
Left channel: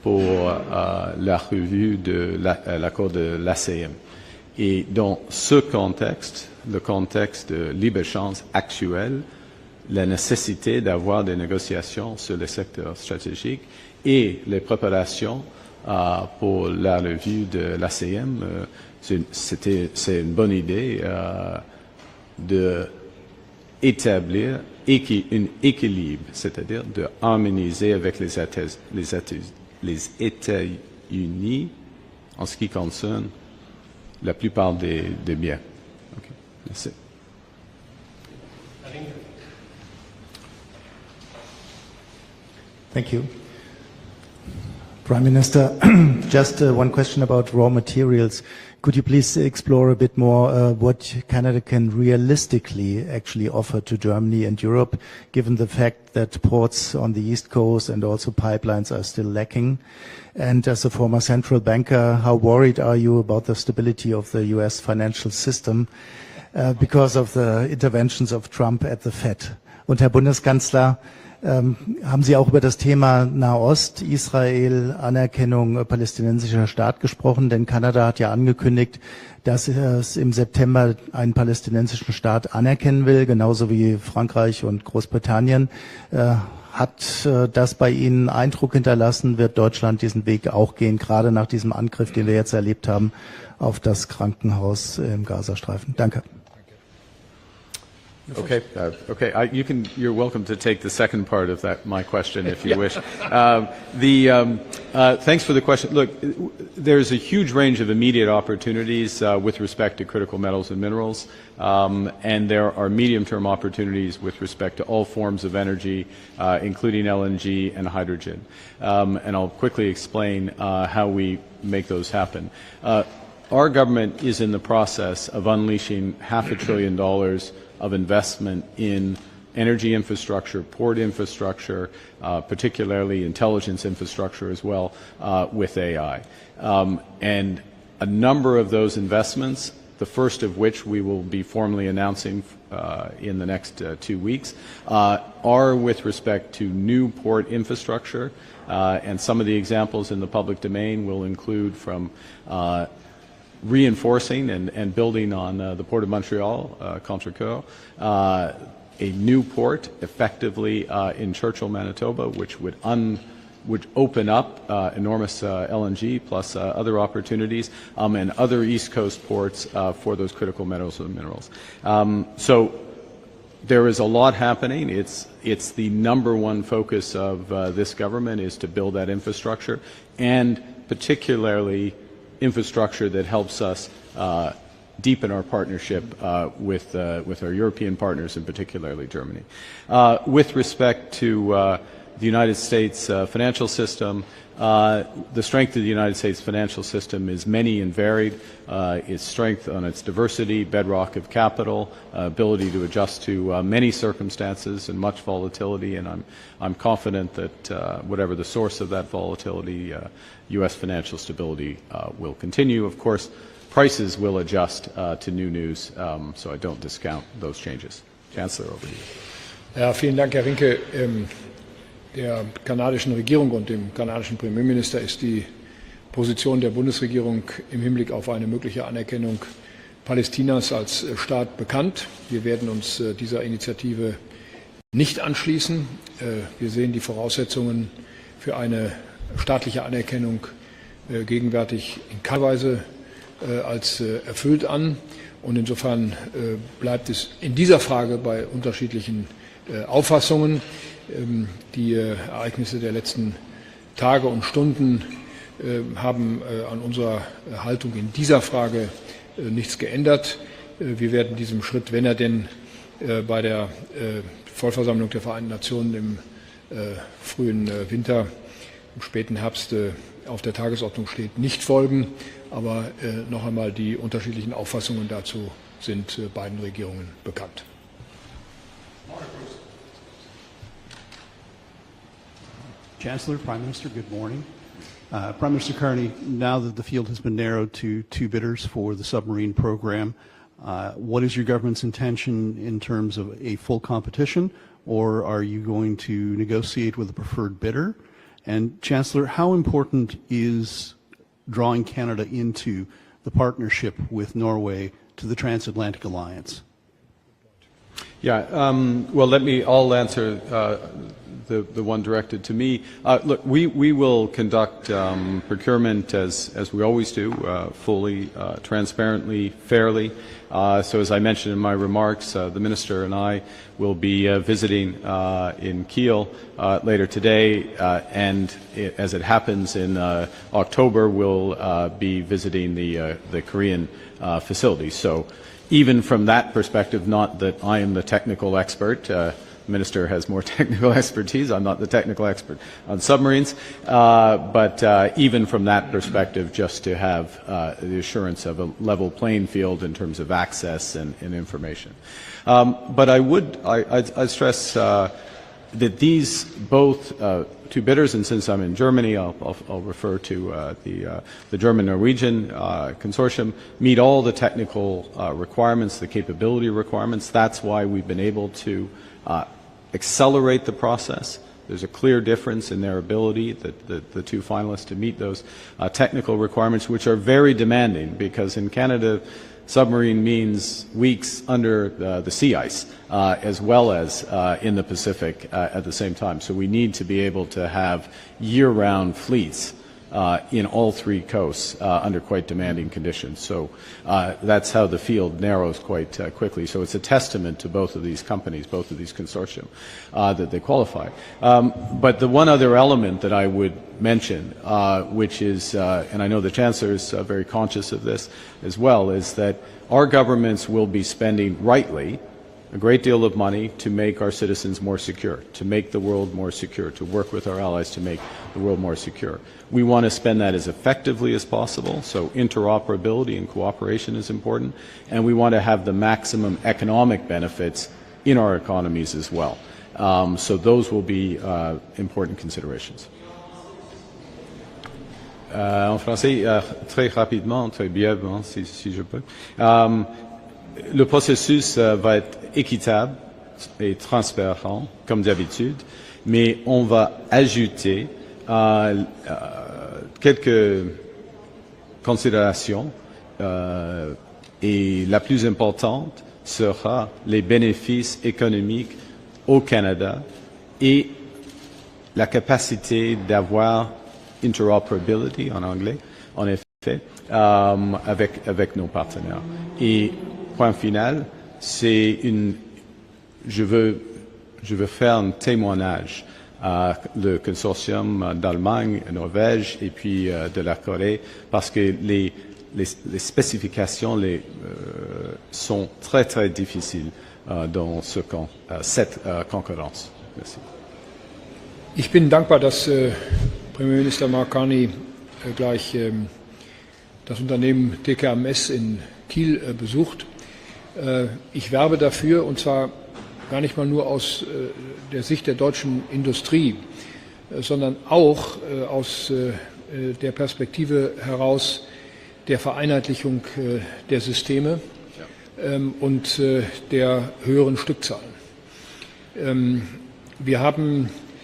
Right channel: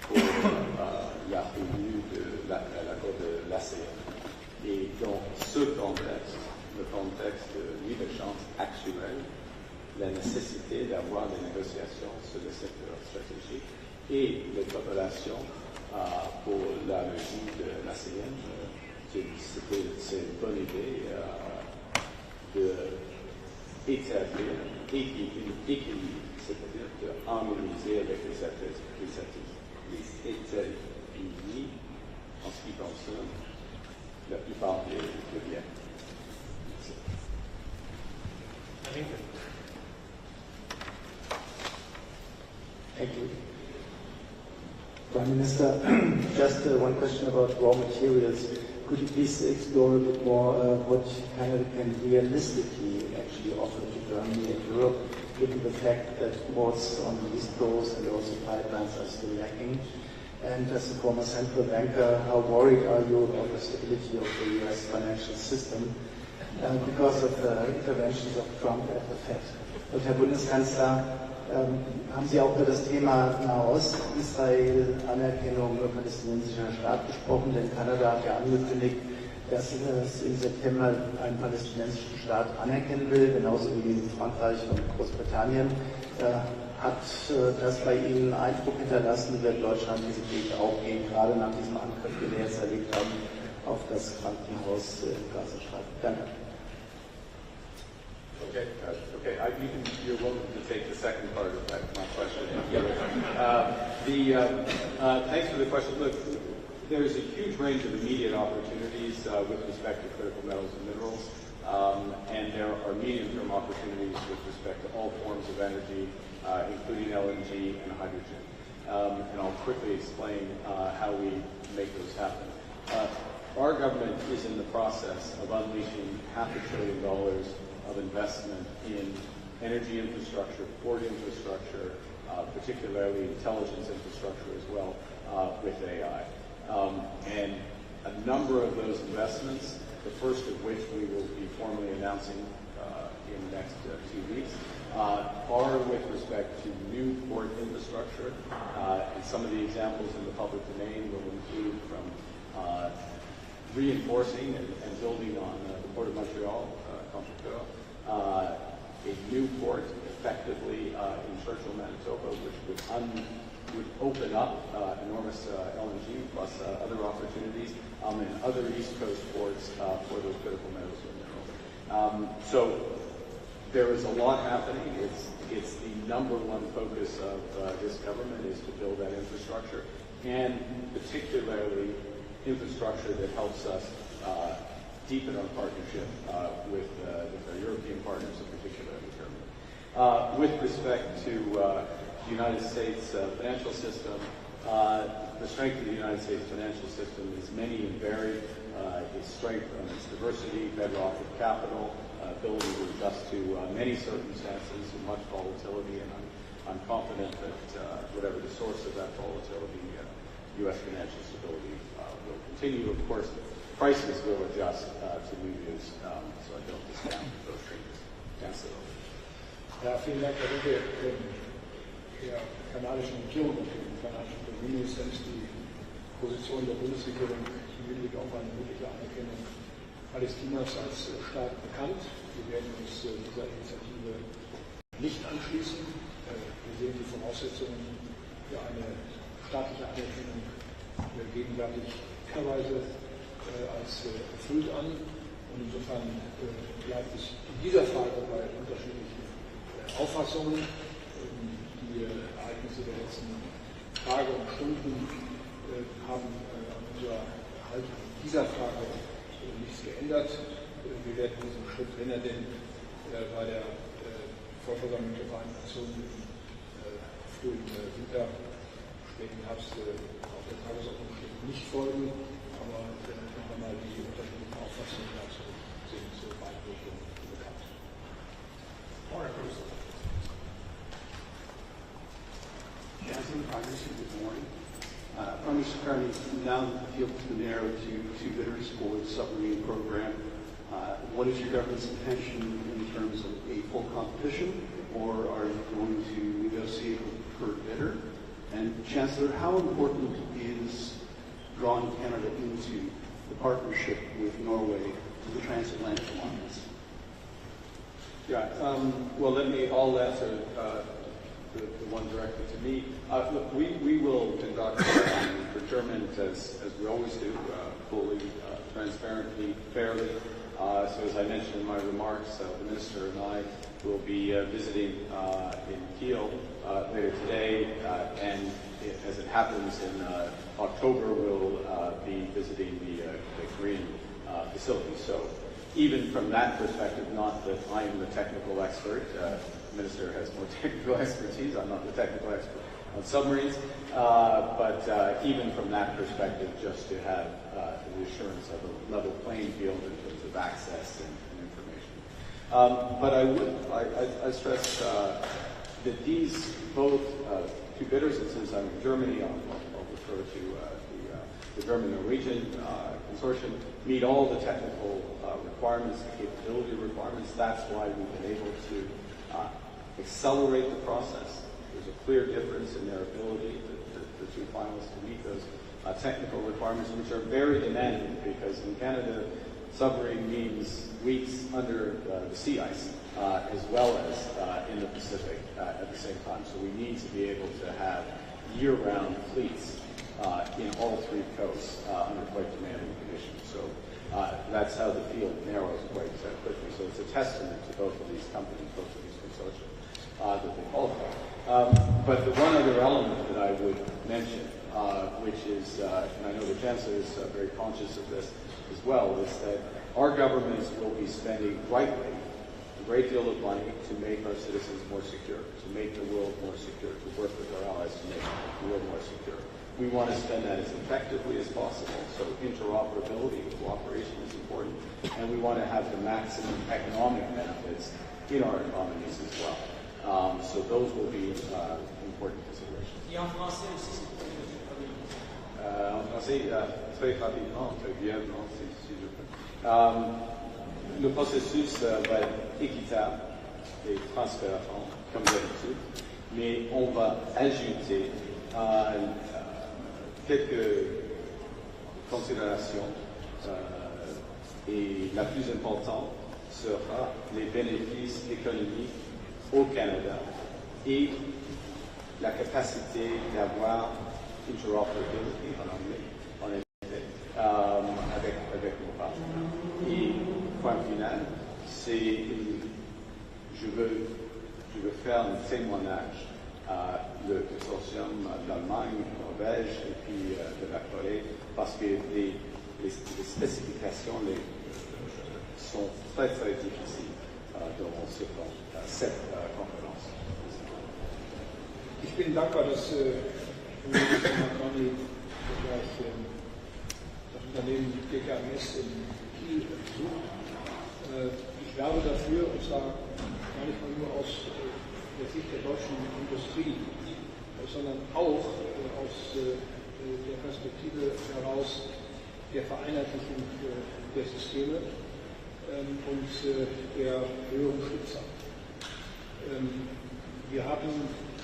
pour la revue de l'accord de l'ACM. Et dans ce contexte, le contexte de libre-échange actuel, la nécessité d'avoir des négociations sur le secteur stratégique et les préparations pour la revue de l'ACM, c'est une bonne idée de établir un équilibre, c'est-à-dire de harmoniser avec les États-Unis en ce qui concerne la plupart des biens. Okay. Merci. Thank you. Prime Minister, just one question about raw materials. Could you please explore a bit more what Canada can realistically actually offer to Germany and Europe, given the fact that ports on the East Coast and also pipelines are still lacking? And as a former central banker, how worried are you about the stability of the US financial system because of the interventions of Trump at the Fed? Und Herr Bundeskanzler, haben Sie auch über das Thema Nahost, Israel, Anerkennung palästinensischer Staat gesprochen? Denn Kanada hat ja angekündigt, dass es im September einen palästinensischen Staat anerkennen will, genauso wie Frankreich und Großbritannien. Hat das bei Ihnen Eindruck hinterlassen? Wird Deutschland diesen Weg auch gehen, gerade nach diesem Angriff, den wir jetzt erlebt haben, auf das Krankenhaus im Gazastreifen? Danke. Okay. You're welcome to take the second part of my question if you wish. Thanks for the question. Look, there's a huge range of immediate opportunities with respect to critical metals and minerals, and there are medium-term opportunities with respect to all forms of energy, including LNG and hydrogen. And I'll quickly explain how we make those happen. Our government is in the process of unleashing $500 billion of investment in energy infrastructure, port infrastructure, particularly intelligence infrastructure as well, with AI. And a number of those investments, the first of which we will be formally announcing in the next 2 weeks, are with respect to new port infrastructure. And some of the examples in the public domain will include from reinforcing and building on the Port of Montreal, Chancellor, a new port effectively in Churchill, Manitoba, which would open up enormous LNG plus other opportunities and other East Coast ports for those critical metals and minerals. So there is a lot happening. It's the number one focus of this government is to build that infrastructure, and particularly infrastructure that helps us deepen our partnership with our European partners, and particularly Germany. With respect to the United States financial system, the strength of the United States financial system is many and varied. Its strength on its diversity, bedrock of capital, ability to adjust to many circumstances and much volatility, and I'm confident that whatever the source of that volatility, U.S. financial stability will continue. Of course, prices will adjust to new news, so I don't discount those changes. Chancellor, over to you. Ja, vielen Dank, Herr Rinke. Der kanadischen Regierung und dem kanadischen Premierminister ist die Position der Bundesregierung im Hinblick auf eine mögliche Anerkennung Palästinas als Staat bekannt. Wir werden uns dieser Initiative nicht anschließen. Wir sehen die Voraussetzungen für eine staatliche Anerkennung gegenwärtig in keiner Weise als erfüllt an. Und insofern bleibt es in dieser Frage bei unterschiedlichen Auffassungen. Die Ereignisse der letzten Tage und Stunden haben an unserer Haltung in dieser Frage nichts geändert. Wir werden diesem Schritt, wenn er denn bei der Vollversammlung der Vereinten Nationen im frühen Winter, im späten Herbst auf der Tagesordnung steht, nicht folgen. Aber noch einmal, die unterschiedlichen Auffassungen dazu sind beiden Regierungen bekannt. Chancellor, Prime Minister, good morning. Prime Minister Carney, now that the field has been narrowed to 2 bidders for the submarine program, what is your government's intention in terms of a full competition, or are you going to negotiate with a preferred bidder? And Chancellor, how important is drawing Canada into the partnership with Norway to the transatlantic alliance? Yeah, well, I'll answer the one directed to me. Look, we will conduct procurement as we always do, fully, transparently, fairly. So as I mentioned in my remarks, the Minister and I will be visiting in Kiel later today, and as it happens in October, we'll be visiting the Korean facility. So even from that perspective, not that I am the technical expert, the Minister has more technical expertise, I'm not the technical expert on submarines, but even from that perspective, just to have the assurance of a level playing field in terms of access and information. But I stress that these both two bidders, and since I'm in Germany, I'll refer to the German-Norwegian consortium, meet all the technical requirements, the capability requirements. That's why we've been able to accelerate the process. There's a clear difference in their ability, the two finalists, to meet those technical requirements, which are very demanding, because in Canada, submarine means weeks under the sea ice, as well as in the Pacific at the same time. So we need to be able to have year-round fleets in all three coasts under quite demanding conditions. So that's how the field narrows quite quickly. So it's a testament to both of these companies, both of these consortium, that they qualify. But the one other element that I would mention, which is, and I know the Chancellor is very conscious of this as well, is that our governments will be spending rightly a great deal of money to make our citizens more secure, to make the world more secure, to work with our allies to make the world more secure. We want to spend that as effectively as possible, so interoperability and cooperation is important, and we want to have the maximum economic benefits in our economies as well. So those will be important considerations. En français, très rapidement, très brièvement, si je peux. Le processus va être équitable et transparent, comme d'habitude, mais on va ajouter quelques considérations et la plus importante sera les bénéfices économiques au Canada et la capacité d'avoir interoperability en anglais, en effet, avec nos partenaires. Et point final, c'est je veux faire un témoignage à le consortium d'Allemagne, Norvège et puis de la Corée, parce que les spécifications sont très très difficiles dans cette concurrence. Merci. Ich bin dankbar, dass Premierminister Mark Carney gleich das Unternehmen TKMS in Kiel besucht. Ich werbe dafür, und zwar gar nicht mal nur aus der Sicht der deutschen Industrie, sondern auch aus der Perspektive heraus der Vereinheitlichung der Systeme und der höheren Stückzahlen. Wir haben